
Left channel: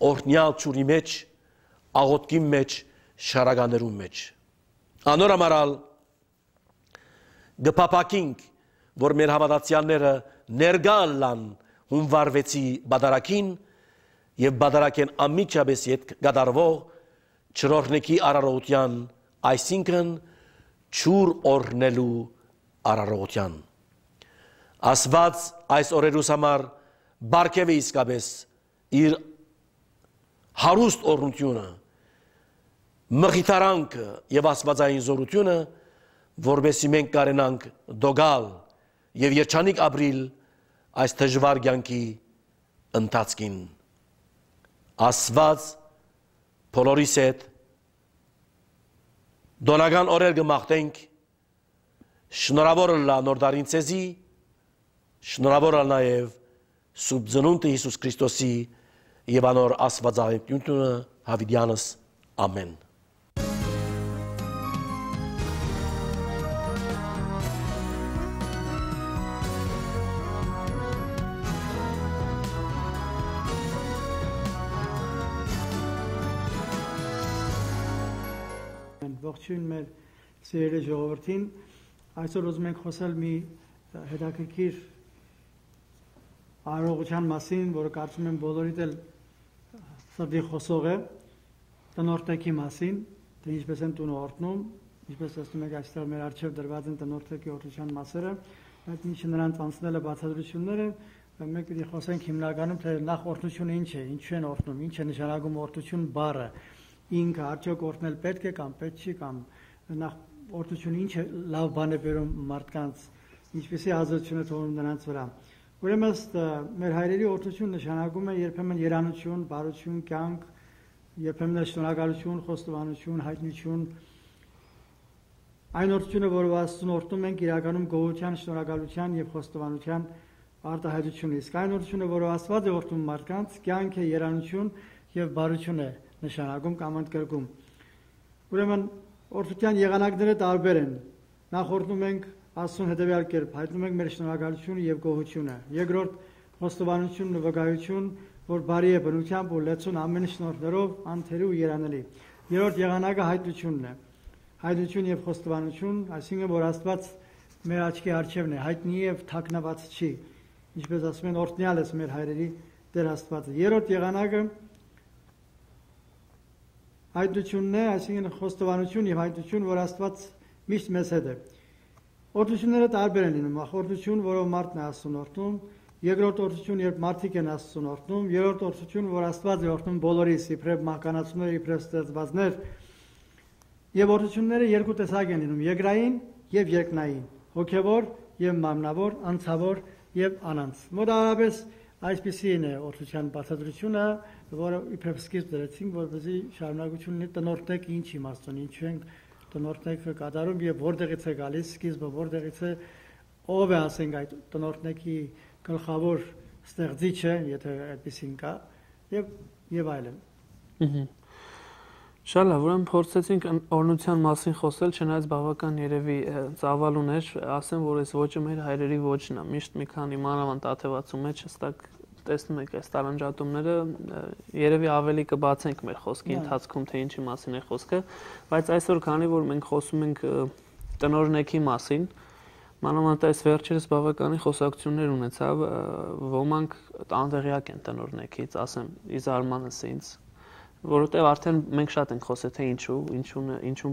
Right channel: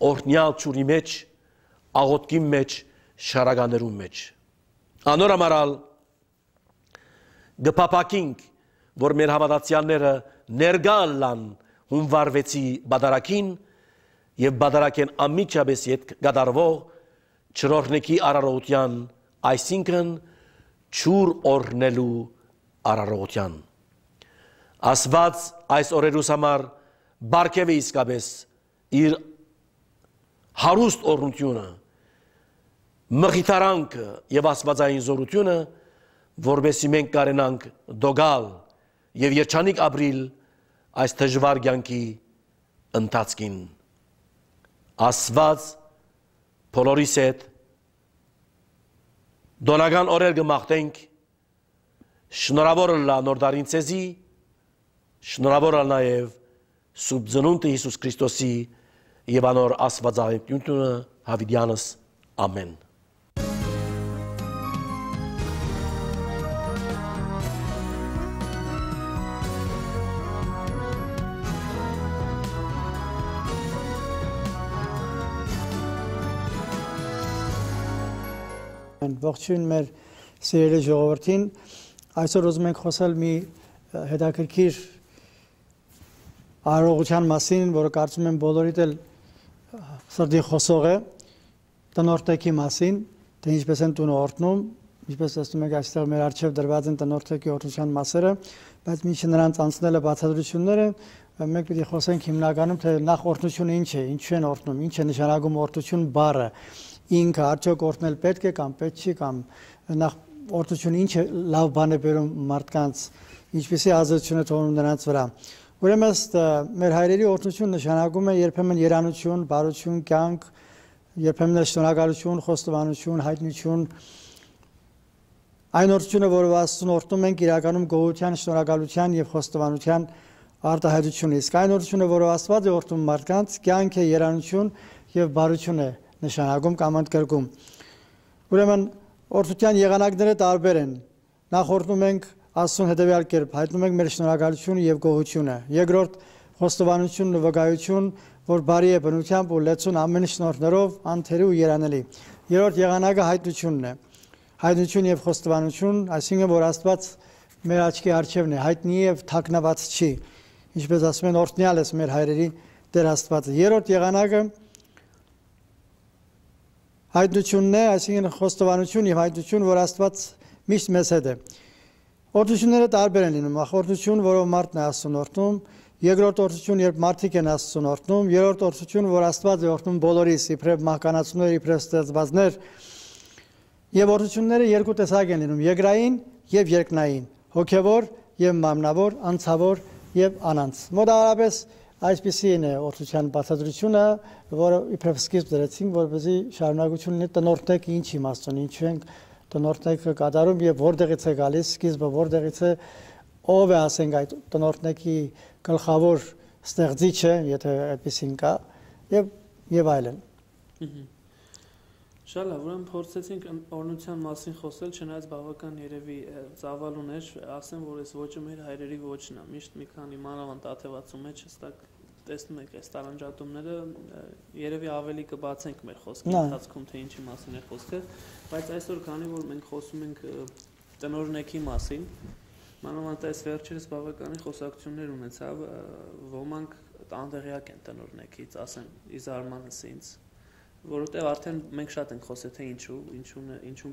օրհնյալ ճուրի մեջ, աղոթքի մեջ, շարականերու մեջ։ Անոր ամարալ գփապակինք, որ մեր հավատացյալները ներկա լան հունվար 6-ի բադարակին եւ բադարակեն ամիջապես հետ գդարվող չրորնեկի արարողության, այսինքն ճուր օրնելու արարողության։ Աստված այս օրերուս համար բարգև է իսկապես իր հարուստ օրհնությունը, մխիթարանքը եւ աստվածային զորությունը, որովհետեւ մենք կարենանք դոգալ եւ երջանիկ ապրիլ այս դժվար կյանքի ընթացքին։ Աստված բոլորիս հետ դոնական օրեր կմաղթենք, շնորհավոր լա նոր դարին ցեզի, շնորհավոր նաեւ Սուրբ Ծնունդը Հիսուս Քրիստոսի եւ անոր աստվածայնությունը հավիտյանս ամեն։ Ողջույն մեր սիրելի ժողովրդին, այսօր ուզում ենք խոսել մի հետաքրքիր արարողության մասին, որը կարծում եմ բոլորիդ էլ սրտի խոսող է, տնօրտեքի մասին, թե ինչպես են տունը օրհնում, ինչպես տեսնում եք այստեղ մեր առջև դրված են տնօրտեքի օրհնության մասերը, բայց մինչ նրանց անցնելը բացատրությունները, մենք պիտի խոսենք հիմնականում թե նախ օրհնությունը ինչ է, ինչու են օրհնում, ինչ է նշանակում օրհնություն բառը, ինքը արդյոք օրհնել պետք է կամ պետք չի, կամ նախ օրհնությունը ինչ է լավ բան է բերում մարդկանց, ինչպեսի ազդեցություն է թողնում նրանց վրա։ Ուրեմն մեր հայրերի օրհնություն նշանակում է երբեմն երանություն, բարություն, կյանք, երբեմն շնորհակալություն, խոստովանություն, հայտնություն։ Այն օրհնությունը, որով Աստծուն օրհնում ենք, իրականում գոհության, շնորհակալության եւ խոստովանության արտահայտություն է։ Իսկ այն օրհնությունը, որով Աստված է օրհնում մարդկանց, կյանք է, երանություն եւ բարություն է նշանակում կամ ընդգրկում։ Ուրեմն օրհնության եղանակները տարբեր են։ Նախ օրհնում ենք Աստծուն հետևյալ կերպ, հայտնում ենք մեր շնորհակալությունը եւ գոհությունը։ Երկրորդ խոստովանությունն ու վկայություն, որ բարի է բնությամբ ու լեցուն ամեն շնորհներով, անթերի ու երանելի։ Երրորդ եղանակը հայտնությունն է։ Հայտնություն եւ խոստովանություն, այսինքն որ Աստված մեր աչքի առջևն է, հայտնի եւ թաքնված չի։ Ինչպես ասում են, օրհնյալ ես մեր հայրերի Տեր Աստվածը։ Երրորդ եղանակը հայտնությունն է, այսինքն խոստովանություն եւ հայտնություն, որ Աստված միշտ մեզ հետ է։ Օրհնությունները տարբեր են լինում, օրհնություն, որով մարդն է Աստծուն օրհնում, երկրորդ օրհնություն, երբ մարդիկ են Աստծուն օրհնում, երրորդ օրհնություն, որ Աստված է օրհնում բոլորիս, իբրև մահկանացուներ, իբրև ստեղծվածներ։ Եվ օրհնությունները երկու տեսակ են լինում՝ երկրային եւ երկնային, հոգեվոր եւ մարմնավոր, անձավոր եւ անանց։ Մոտավորապես այսպիսին է օրհնության բացատրությունը, որը իբրև սկիզբ դրեցինք, որպեսզի շարունակություն լինի տնօրտեքը ինչ իմաստուն, ինչու ենք տնօրտեքը կատարում եւ որտեղից է գալիս, սկիզբը որտեղից է, ով է ասենք այդ տնօրտեքի գլխավոր ստեղծիչը, եթե այդպեսին կա, եւ այլն։ Շատ լավ, ուրեմն փորձեցինք օրհնության մասին խոսել, չնայած բավական երևի ծավալ ուներ, ասեմ, որ այս ոճը մեր հայրերի ոճն է, միշտ մի քանի մանավանդ աթևացու մեջ հստակ տեսնում եք այս տարանջատումները, երևի ավելի կբացենք մեր խոսքի ընթացքում, թե ինչի մասին է խոսքը, բայց այսօր քանի որ մենք խոսում ենք տնօրնեքի մասին, մանավանդ այս վերջերս բավականին խոսակցություններ ունեցավ, ոմանք անտեղյակ են տնօրնեքից, ասեմ, ի զարմանս ինձ, որովհետև արդեն մենք շատ ենք խոսել թե ինչու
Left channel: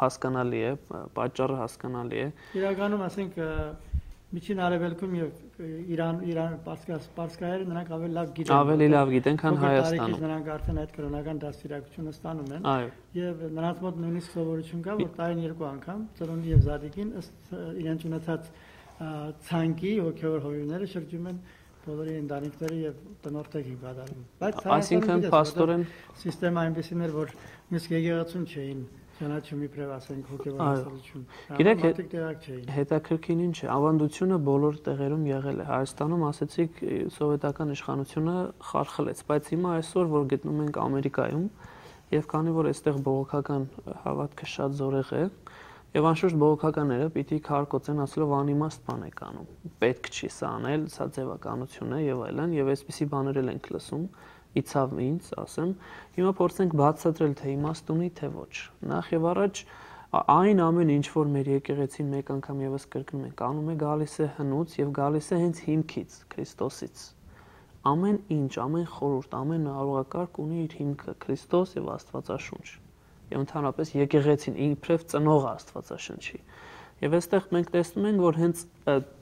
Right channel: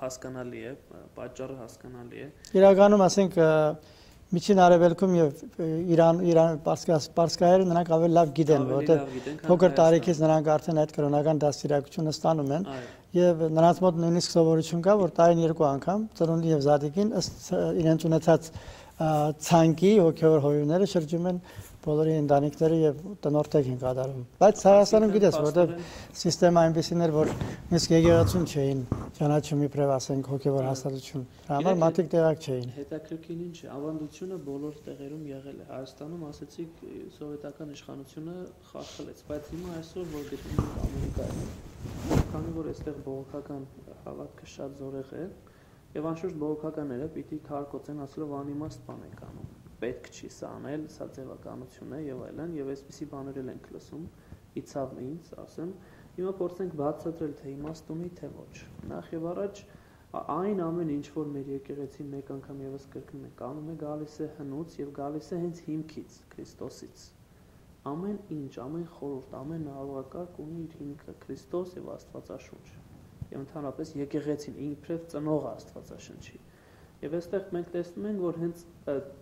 հասկանալի է, պատճառը հասկանալի է։ Իրականում ասենք Միջին Արևելքում եւ Իրան պարսկահայերը նրանք ավելի լավ գիտեն, ավելի լավ գիտեն, քան փոքր տարիքից նրանք արդեն այդ կրոնական դաստիարակությունը ստանում են եւ նրանց մոտ նույնիսկ սովորություն կա, որ տարին 2 անգամ ծնունդի եւ զատիկին ըստ իրենց ունեցած ցանկի հոգեոր հովիվները շրջում են բոլորի ընտանիքները եւ տնօրտեք են կատարում։ Բայց Հայաստանում գիտես, որտեղ սիստեմը այնպեսին էր, որ իսկ եկեղեցուն չէին ճանաչում իբրև ասենք հոգեվոր հաստատություն։ Մարդիկ տեղակ չէին։ Հետաքրքիր ինչ է, ավանդությունը բոլոր տեղերում եղել է։ Հայաստանում ասեցիք սովետական իշխանությունը խարխլեց, բայց հիմա այսօր որ գտնում ենք Ամերիկայում եւ քանի որ այստեղ բողոքական հավատքը շատ զորեղ է, Եվ անշուշտ բողոքականները պիտի քարկոծեն ասելով անիմաստ բան եք անում։ Պետք չի սա անել, սա ձևականություն է եւ այլն, եւ այսպիսի բաներ ենք լսում, իցավ ինձ, ասեմ, հիմա փորձենք բացատրել թե իմաստ ունի, թե ոչ։ Նախ եւ առաջ այն ամեն ինչ, որ մեր եկեղեցին մեկ անգամ եւս կրկնում ենք, անում է գալիս է հնուց եւ գալիս է հենց հիմքից, Քրիստոսից։ Ամեն ինչ, ամեն խորհուրդ, ամեն արողակարգ ունի իր հիմքը Քրիստոս եւ Աստվածաշունչ։ Եվ ընդհանրապես եկեղեցին իբրև ծնող Աստվածաշնչի։ Եվ այստեղ մենք տեսնում ենք, որ հենց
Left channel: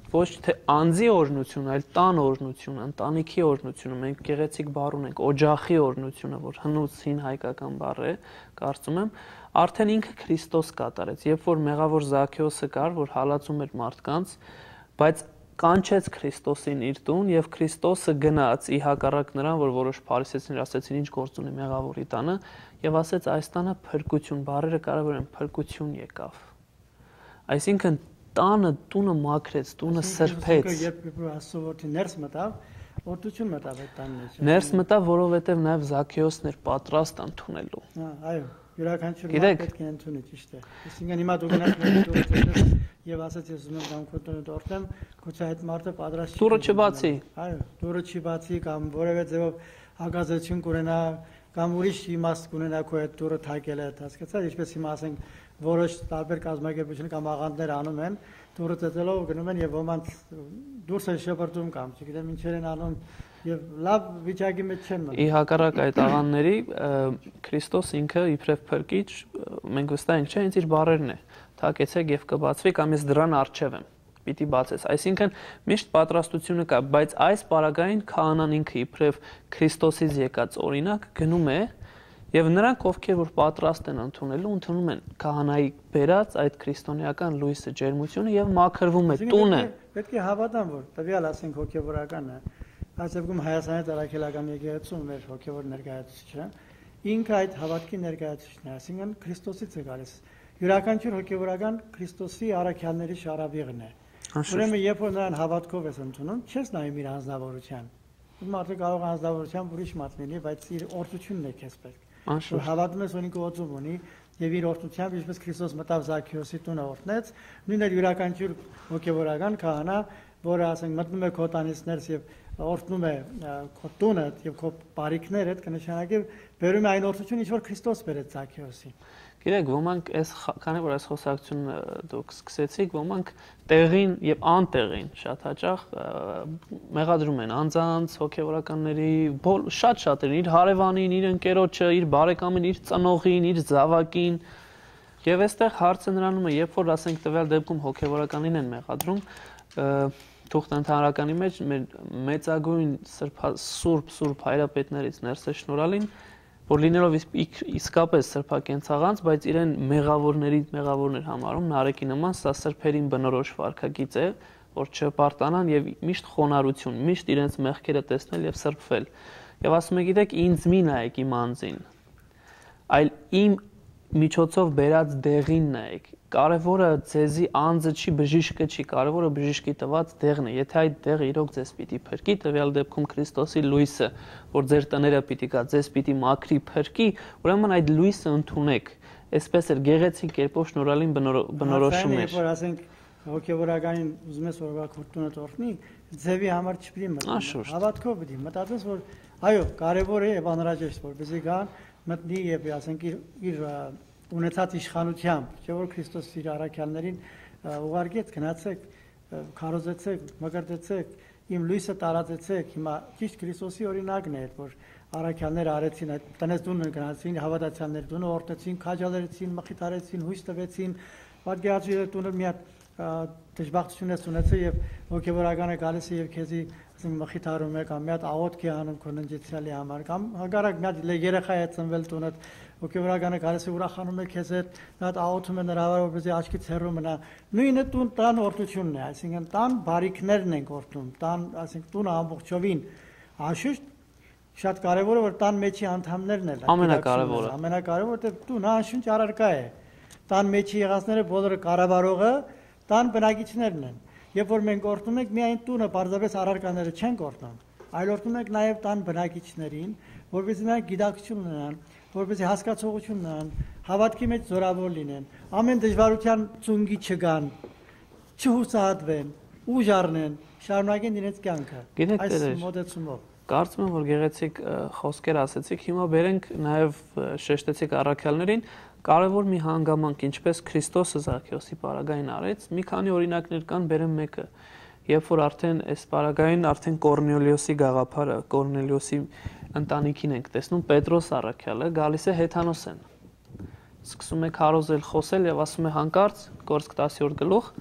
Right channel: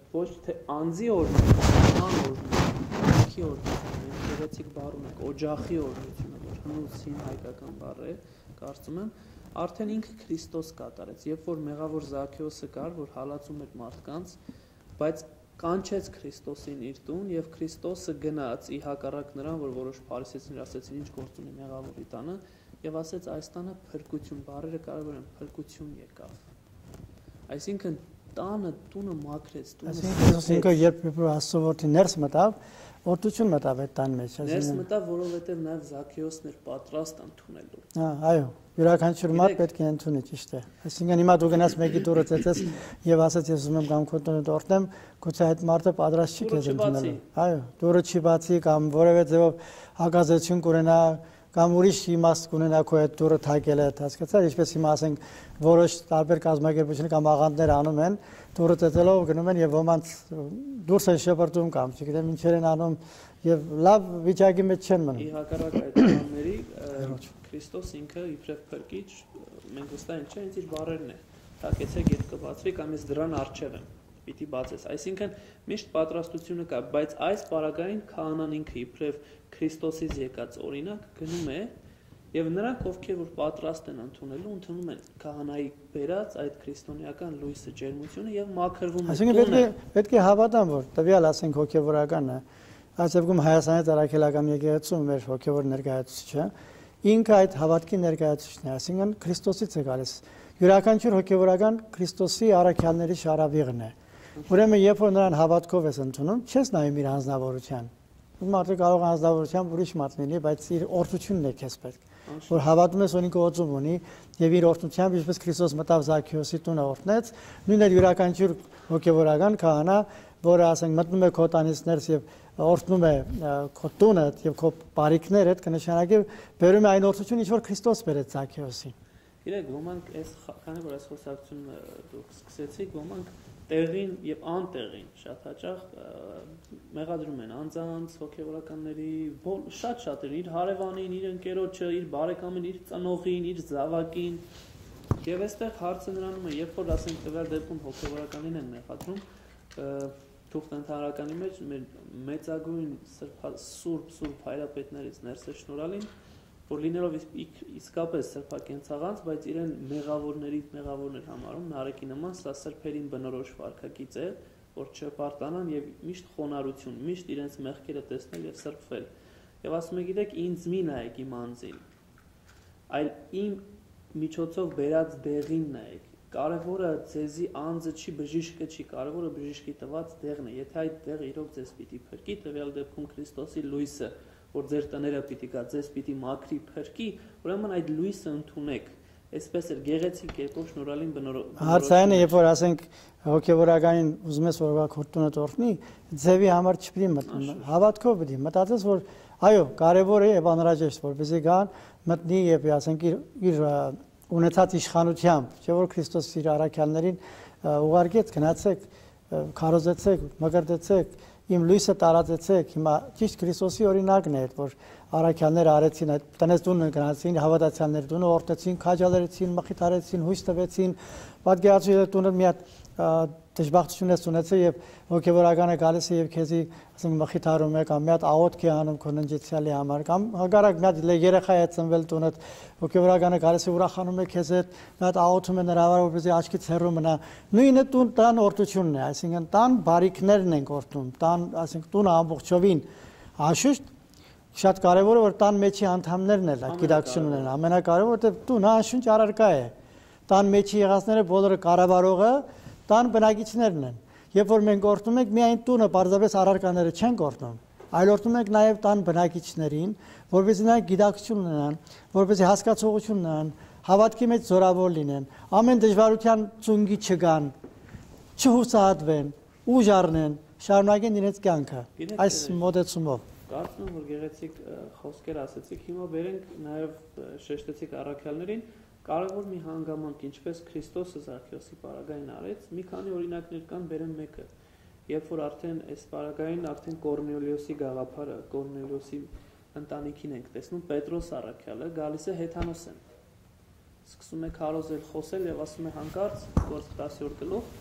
ոչ թե անձի օրհնությունը, այլ տան օրհնությունը, ընտանիքի օրհնությունը, մենք գեղեցիկ բառ ունենք, օջախի օրհնությունը, որ հնուցին հայկական բառ է, կարծում եմ, արդեն ինքը Քրիստոս կատարեց, երբ որ մեղավոր Զաքեոսը կար, որ հալածում էր մարդկանց, բայց կանչեց Քրիստոսին իր տուն եւ Քրիստոսը գնաց ի հակառակ նրան, որ որոշ փարիսեցիներ ասեցին ինչ գործ ունի մեղավորի տանը եւ ասեց այս տանը փրկություն, բառերը կարևոր են, փրկություն եկավ։ Այսինքն տանը տունը մաքրեց, տունը սրբեց։ Երբ Աստծո ներս մտավ, օրդություն մտավ այդ տան մեջ։ Ներս մտավ, որովհետեւ նաեւ Զաքեոսն էր պատրաստ ընդունելու։ Այո, յուրաքանչյուր մարդ պետք է ընդունի, ճիշտ է։ Այսինքն հիմա դու գնաց մեկի դուրը ծեծես եւ ասած ես ուզում եմ կամ քո տունը դորտնեմ, գուցե այդ մարդը պատրաստ չի։ Դուրը չբացի։ Այո, դուրը չի բացի կամ որևէ ձևով հակազդեցություն կունենա կամ ուրիշ իմաստ կունենա քո այդ դուրը թակել է, հասկացա՞ր, ինչպես հիմա ասենք որոշ տարբեր կազմակերպություններ կամ աղանդներ անում են, դուրը ծեծելով գնում են եւ ոմանց դուրս են շպրտում կամ չգիտեմ ինչեր են անում եւ լավ վիճակի մեջ չեն մնում։ Ի հակառակ այդ աղանդների Քրիստոս ինքը իբրև փրկիչ, մենք վստահ ենք, չէ, ինձ իր բառերն է։ Թակեցեք եւ կբացվի կամ ես դրան առջև եմ։ Պիտի բացես։ Այսինքն միշտ պատրաստությունը կա, բայց այս պարագային քահանան ինքը իբրև Քրիստոսից եկած օրինակ գնում է եւ նրանք ովքեր որ պատրաստ են ընդունելու, ընդունում են քահանայի բերած այդ քրիստոնեական լույսը, ջերմությունը եւ մաքրվում է տունը։ Պետք է հավատամ, որ տվյալ ասենք հոգեվորականը, այս դեպքում Հայաստանի Տարաքելական եկեղեցում մեր հոգեվոր ներկայացուցիչը, ինքը այդ հավատքի ներկայացուցիչն է, այսինքն Քրիստոսից է գալիս։ Յուրաքանչյուր հոգեվորական Քրիստոսի առաքյալների շարավիղն է։ Ուրեմն երբ որ նրան հավատքով ես ընդունում, չես նայում իր անձնավորության։ Մարդը կարող է անձնավորությամբ ուրիշ մարդ լինի, բայց իր օրհնությունն է քեզ պետք։ Որ հավատում ես, որ ինքը օծում ունի եւ իր օրհնությամբ, ինչպես Քրիստոս մտավ Զաքեոսի տունը օրհնեց, նույնն էլ յուրաքանչյուր հոգեվորական քահանա, որը ասենք մտնում է քո տանից ներս եւ օրհնում է քո տունը եւ քո բարիքները, այդ կնշանակի բերում է այն օրհնությունը, ինչ որ Քրիստոս բերեց Զաքեոսին։ Գիտեք, ոմանք այս քանի որ այս խոսակցությունը դուք սկսեցիք, ոմանք տեղին եւ անտեղին շատ հաճախ մեղադրում են անձանց, հոգեվորականների, շատ-շատերին, իր հարևանին, իր ընկերոջը, իր բարեկամին, իր ծնողին, իր զավակին։ Եվ այստեղ հարցը նրանում է, երբ որ ասենք տվյալ դեպքում հոգեվորականին են մեղադրում, թուղթ ընդհանրականի մեջ մեր մեծագույն սուրբ հայրապետներից ներս է շնորհալին, որ լինելով իսկապես սրբակենցաղանց, բայց իրեն մեղավորներ համարում, Նարեկի նման, սա սրբերին բնորոշ վարքագիծ է, որ չպարտանան եւ միշտ խոնարհություն, միշտ իրենց մեղքերը տեսնել եւ սրբվել։ Եվ ասում է, գիտեք, ինձ մի նայեք իմ անձին, այլ իմ միջոցով բերած դեղին նայեք։ Կարևորը ձեզի անձը չի, բժիշկը չի, կարևորը բժիշկի տված դեղն է։ Եթե այդ դեղը իրոք ձեզ պիտի փրկի, տվյալ դեպքում Քրիստոսի լույսը, որ ձեր տները պիտի գա, ձեզ պիտի մաքրի, փրկի, ուրեմն այդ լույսը ընդունեք։ Այսպես էլ գեղեցիկ կերպով շնորհալին բնորոշում է։ Երբ որ ասենք հոգեվորականին ուզում ես որ քորտունը տորտնի, ձևի համար չպիտի մտնել։ Հավատքով պիտի մտածես, որ այո, կարևոր է եւ անհրաժեշտ, որպեսզի գան մտնի եւ ասենք իր ունեցած իշխանությամբ, չէ՞ որ Քրիստոս իր առաքյալներին ուղարկեց, գնացեք, քարոզեցեք, մկրտեցեք, իմ լույսը տարածեցեք։ Հիմա ճիշտ Քրիստոսի օրինակն է, որ առաքյալները արեցին այդ տնես տունը գնացին, հավատացյալներ տունը օրհնեցին, քաջալերեցին, մխիթարեցին, հույս տվեցին, պատկերացրու տունը մի հատ դժբախտություն ես ունեցել եւ հոգեվորականը գալիս է եւ քեզի ասենք մխիթարում է կամ մի հատ աղոթք է անում քո ննջեցյալի համար կամ հակառակ մի հատ երեխա է ծնվել տունը հոգեվորականը գալիս է ուրախանում է քեզ հետ մի հատ աղոթում է նրա համար որպեսզի աչքից հեռու մնա նույնը տան օրհնությունն է այսինքն տան բարիքներն են օրհնում տան ասենք տունը ամբողջովին անշուշտ շատ կարեւոր է որ տան մեջի անդամներն էլ ամենակարևորը որտեղ տունը անշուշտ առարկա է տան մեջի եղածները բոլորը կառավարողը տան բնակիչներն են երբ որ մենք օրհնում ենք միայն տունը պարզապես առարկաները չեն օրհնում այլորդում ենք նաև տան բնակիչներին, որպեսզի նրանք գիտակցություն ունենան, որպեսզի հասկացողություն ունենան, հավատքի մեջ զորավոր լինեն, ամեն դժվարության ծունգի չգան, չհուսահատվեն, ուժ առնեն, շարունակեն իրենց կյանքը այս մոտեցումով։ Կարծում եմ, որ գեղեցիկ խոսքեր ասեցիք, հիմա բերենք նաև շեշտեցիք առաքյալներին, կարևոր մի հանգամանք, ինչպես Քրիստոսը Զաքեոսի պարագային արեց, մի քանի օրինակներ կան, բերեմ մեկը, երբ որ արդեն այս պարագային արդեն Կորնելիոսի գաղափարը, Կորնելիոսի ընտանիքին ենք տեսնում, Պետրոս առաքյալը գալիս է Հեթանոսեն, սկսում է քարոզել, խոսել եւ ասում է հանկարծ, Գործք 10-րդ գլուխ,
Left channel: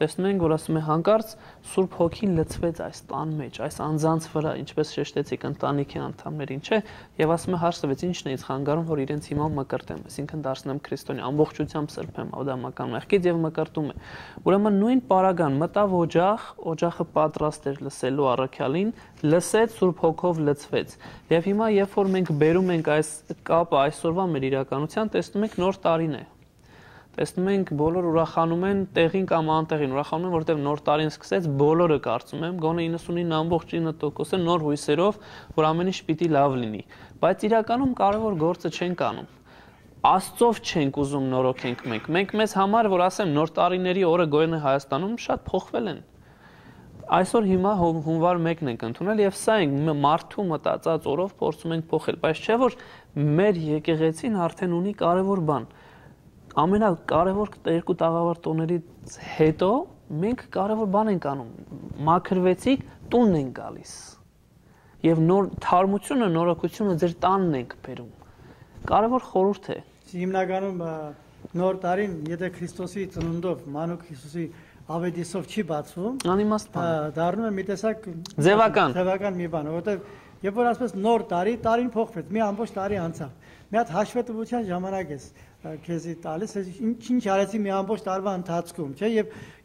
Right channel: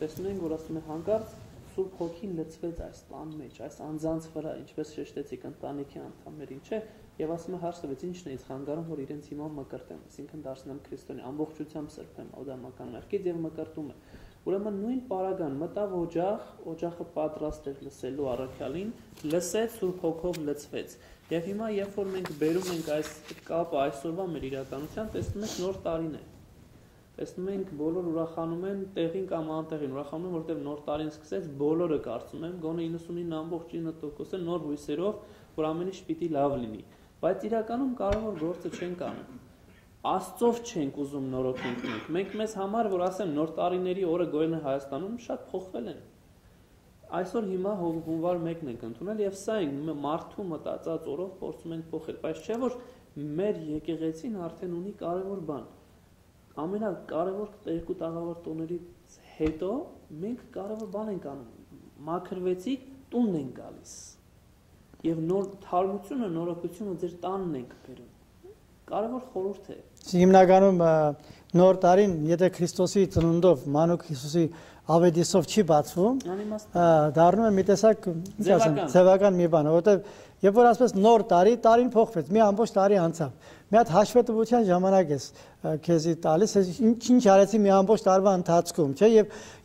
տեսնում ենք, որ ասում է հանկարծ Սուրբ Հոգին լցվեց այս տան մեջ, այս անձանց վրա, ինչպես շեշտեցիք ընտանիքի անդամներին, չէ, եւ ասում է հարցրեց, ի՞նչն է ինձ խանգարում, որ իրենց հիմա մկրտեմ, այսինքն դարձնեմ քրիստոնյա, ամբողջությամբ սրբեմ ադամական մեղքից եւ մկրտում է։ Ուրեմն նույն պարագան մտավ օջախ, օջախը պատրաստ էր լսելու առաքյալին, լսեց Սուրբ Հոգով լցվեց։ Եվ հիմա երբ որ մենք բերում ենք այս կապը այսօրվա մեր իրականության, տեսնում ենք նոր տարին է։ Տեսնում ենք բոլոր ուրախանում են տեղին կամ անտեղին, ուրախանում են, որտեղ նոր տարին սկսեց, բոլորը կարծում եմ, գոնե 99.9%-ը նոր հույսերով, որ ամեն ինչ պիտի լավ լինի, բայց իրականում կարևոր գործը չենք անում։ Աստծով չենք ուզում նորոգենք մենք մեզ համար, որ ասեմ, նոր տարիների օրը գոյն Հայաստանում շատ փոխվել են։ Այսօր հիմա հունվար 1-ն ենք ընդունել եւ սա ենք մարդու մտածած օրով փորձում ենք փոխել, բայց չէ որ մեր եկեղեցին արդեն ունի կարևոր բան։ Ամենակարևոր երկու տաղավար տոներից հետո մենք կարևոր բան ենք անում, մաքրվեցիք, տունն ենք գալիս եւ նոր թարմությունը, նորոգությունը ձեր տանն ենք բերում։ Կարևոր խորհուրդ է։ Հիմնականում նոր տարին, եթե Քրիստոսի ծնունդով, մանուկ Հիսուսի ավետիսով չի բացվում, անիմաստ բան, դառնում է մի տեսակ ձևական մի բան, որովհետեւ երբ որ ասես նոր տարի, տարին փոխվեց, մի ամբողջ տարի անցավ։ Մի հատ հաշվետվության ժամանակ ես քեզի տալիս, ինչ արեցի մի ամբողջ տարվա ընթացքում, չէ՞,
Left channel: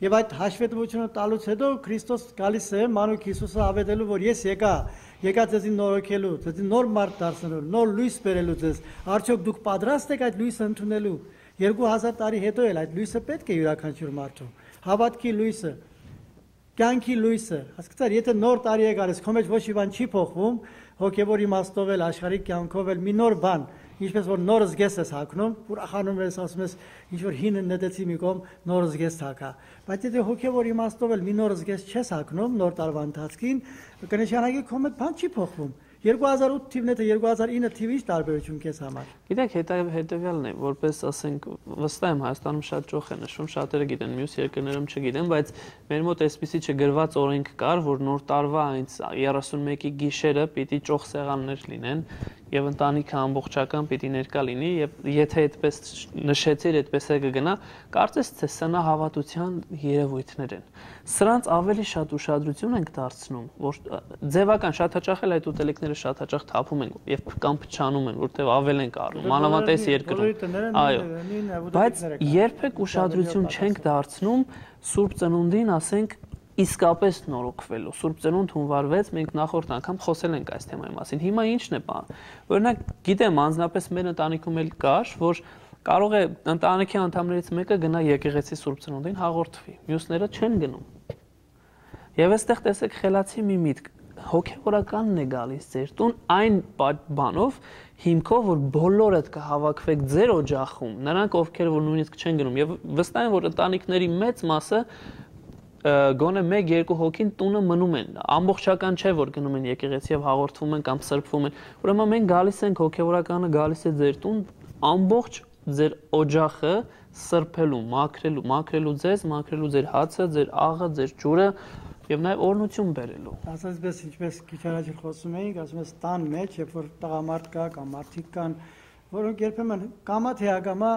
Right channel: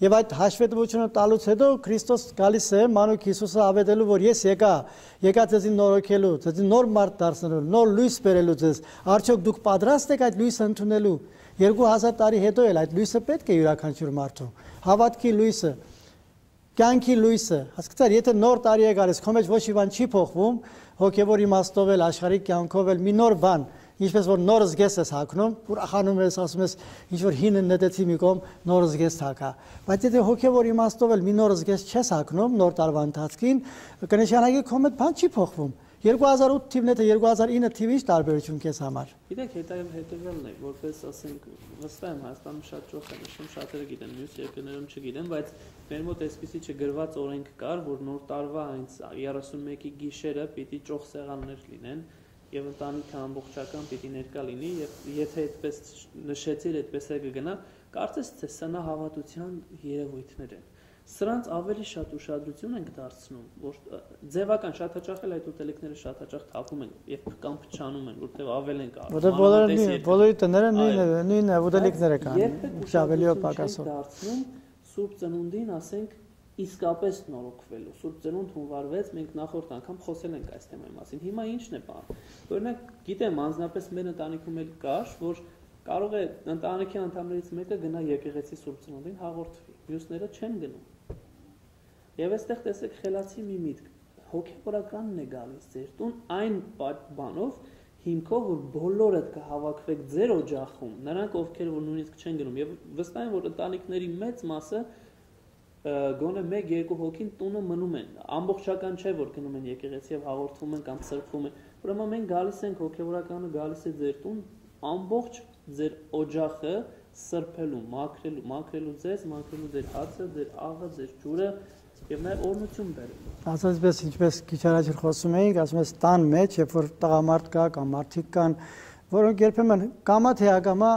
եւ այդ հաշվետվությունը տալուց հետո Քրիստոս գալիս է մանուկ Հիսուսը ավետելու, որ ես եկա ձեզի նորոգելու, ձեզի նոր մարդ դարձնելու, նոր լույս բերելու ձեզ։ Արդյոք դուք պատրաստ եք այդ լույսը ընդունելու։ 2000 տարի հետո էլ այդ լույսը պետք է յուրաքանչյուր մարդու։ Հավատքի լույսը, կյանքի լույսը, հասկացար, եթե նոր տարի է գալիս, քո մեջ ոչ մի բան չի փոխվում, հոգեվոր իմաստով էլ, աշխարհիկ կյանքով էլ մի նոր բան, ինչպես որ նոր զգես ես հագնում, ուրախանում ես, ասում ես, ինչ որ հինը նետեցի մի կողմ, նոր զգես հագա։ Բայց եթե հոգեվոր իմաստով էլ մի նոր զգես չես հագնում, նոր տարվա ընթացքին, կնշանակի քո մեջ բան չի փոխվում։ 2008 թիվն է, 2009 թիվի տարբերություն քեզ համար։ Գիտեք, հետևյալն է, որպես ասենք, վստահ եմ Հայաստանում շատ ճոխ է նշում, շատերը գիտեն, մյուս երկրներում չգիտեն, բայց մեր մոտ այսպիսի չգրված օրենք կար, որ նոր տարվա այն 31-ի գիշերը պիտի ճոխ սեղաններ լինեն եւ ընտանիքը ամբողջական պիտի ներկա լինի եւ եթե այդպես նշեցիր, այդպես է կգնա, կարծես թե սնա հավատության երևույթներ են։ Սրանց ավելի շատ ուշադրություն ենք դարձնում, որ ձևական շատ հաճախ էլ այդ ուտելիքները շատ հաճախ թափում են եւ կամ փչանում են, որտեղ ավել են կարող, մանավանդ երկրում։ Բոլորի տները նույն ուտելիքները կան։ Երբեք ուշադրություն չենք դարձնում Սուրբ Ծնունդին, ասենք իսկապես նորոգվելու։ Սուրբ Ծնունդ հունվար 6 մենք նախորդ անգամ խոսել ենք այս թեմայի մասին։ Հիմա ի՞նչն է բան։ Օրինակ, գիտեմ, անձնապես մեր ընտանիքում էլ կար, որ կարող է ընտանիքի անդամներից մեկը գնա եկեղեցի Սուրբ Ծնունդին հաղորդվի, մյուսները չեն գնում։ Եվ այստեղ տեսեք խելացի մի միտք, հոգեվորականն է գալիս ձեր տուն այն բանով, հիմքով, որ բոլորդ կհավաքվեք ձեր օջախում, նրանք ովքեր որ նույնիսկ չեն գնում, եւ վստահ եմ, որ ընտանիքների մեծ մասը գոնե 1-2 հոգին տունը մնում են, ամբողջական չէ, որ գնում են եկեղեցի եւ հաղորդվում են կամ սրբվում են, ուրեմն մենք գալիս ենք, հոգեվորականը գալիս է ձեր տուն, ամբողջ ձեր օջախը սրբելու, մաքրելու ձեզ, մաքրելու ձեր հացը, ձեր աղը, ձեր ջուրը եւ նաեւ օրհնություն բերելու։ Ասածպես ինչպես քիչ առաջ խոսում էինք, ասում ես տան մեջ, երբ որ տղամարդ կա կամ մարդիկ կան, որոնք երբեմն կամա թե ակամա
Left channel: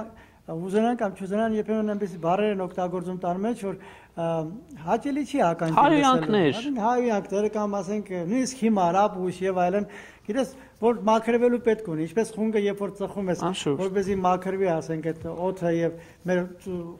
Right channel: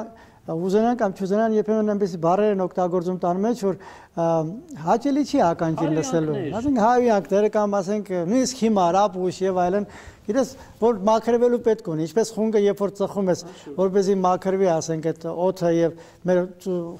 ուզենան կամ չուզենան, երբեմն այնպես բառեր են օգտագործում տան մեջ, որ հաճելի չի ականջին լսելու։ Ասենք հավիակները կամ ասենք նույնիսկ հիմար, ապուշ եւ այլն, գիտես, որ մաքրվելու պետք ունի, ինչպես խունգը երբ որ ծխում ես, որպեսզի մաքրվի, ասենք այդ օդը եւ մեր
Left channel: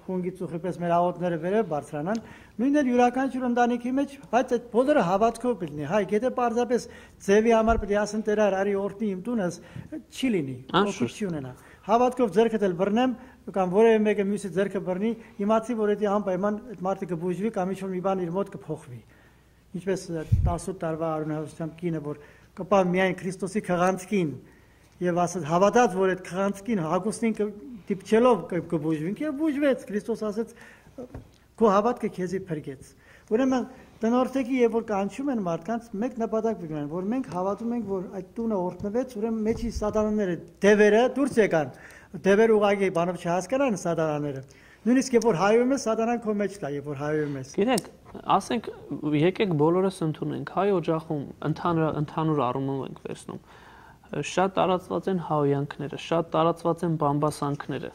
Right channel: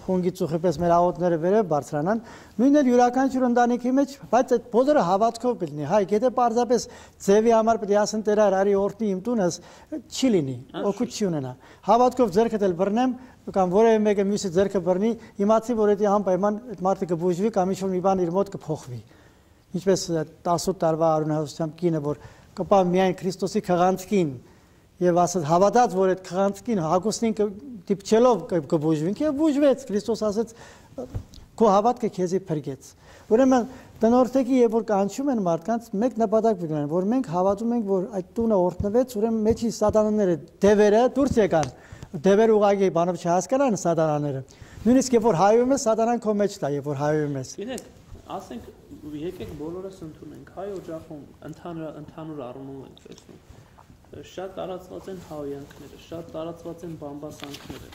խունգի ծուխի պես մեր աղոթները վերև բարձրանան, նույնն էլ յուրաքանչյուր ընտանիքի մեջ, բայց այդ բոլորը հավատքով լինի։ Հայ, եթե պարզապես ձևի համար պետք է ասեն Տեր արի օրհնի իմ տունս, չի լինի, օգուտ չի ունենա։ Հավատքով ձեռքդ էլ բռնեմ կամ որևէ մեկը մյուսի ձեռքը բռնի, իմացի որ դա անպայման այդ մարդը կբուժվի կամ ինչ-որ մի բան իր մոտ կփոխվի։ ինչպես 18 տարվա արունահոսությամբ կինը, որ կպա միայն Քրիստոսի քղանցքին եւ ասած հավատաց, որ այդ քղանցքին հագուստին դիպչելով կբուժվին, եւ բուժվեց։ Քրիստոս ասաց քո հավատքը քեզի փրկեց։ Ուրեմն տնօրթեքի երբ որ կանչում են մարդկանց, մեկ նպատակ ունեն, որ մենք հավատում ենք, որ այդ տունը օրհնվեց, ուրեմն մեջի սատանաները, դևերը դուրս եկան։ Դևեր ուղղակի բանով չհասկանան սատանաները։ Նույնիսկ երբ որ հայում ես, սատանան քո մեջ տա, երբ որ հայում ես։ Գիտեք, ասենք եկեք բոլորս ընդունենք, հայ օջախում ընդհանուր առումով ենք տեսնում։ Շատ տարածված են հայոյանքները, շատ տարածված են բամբասանքները,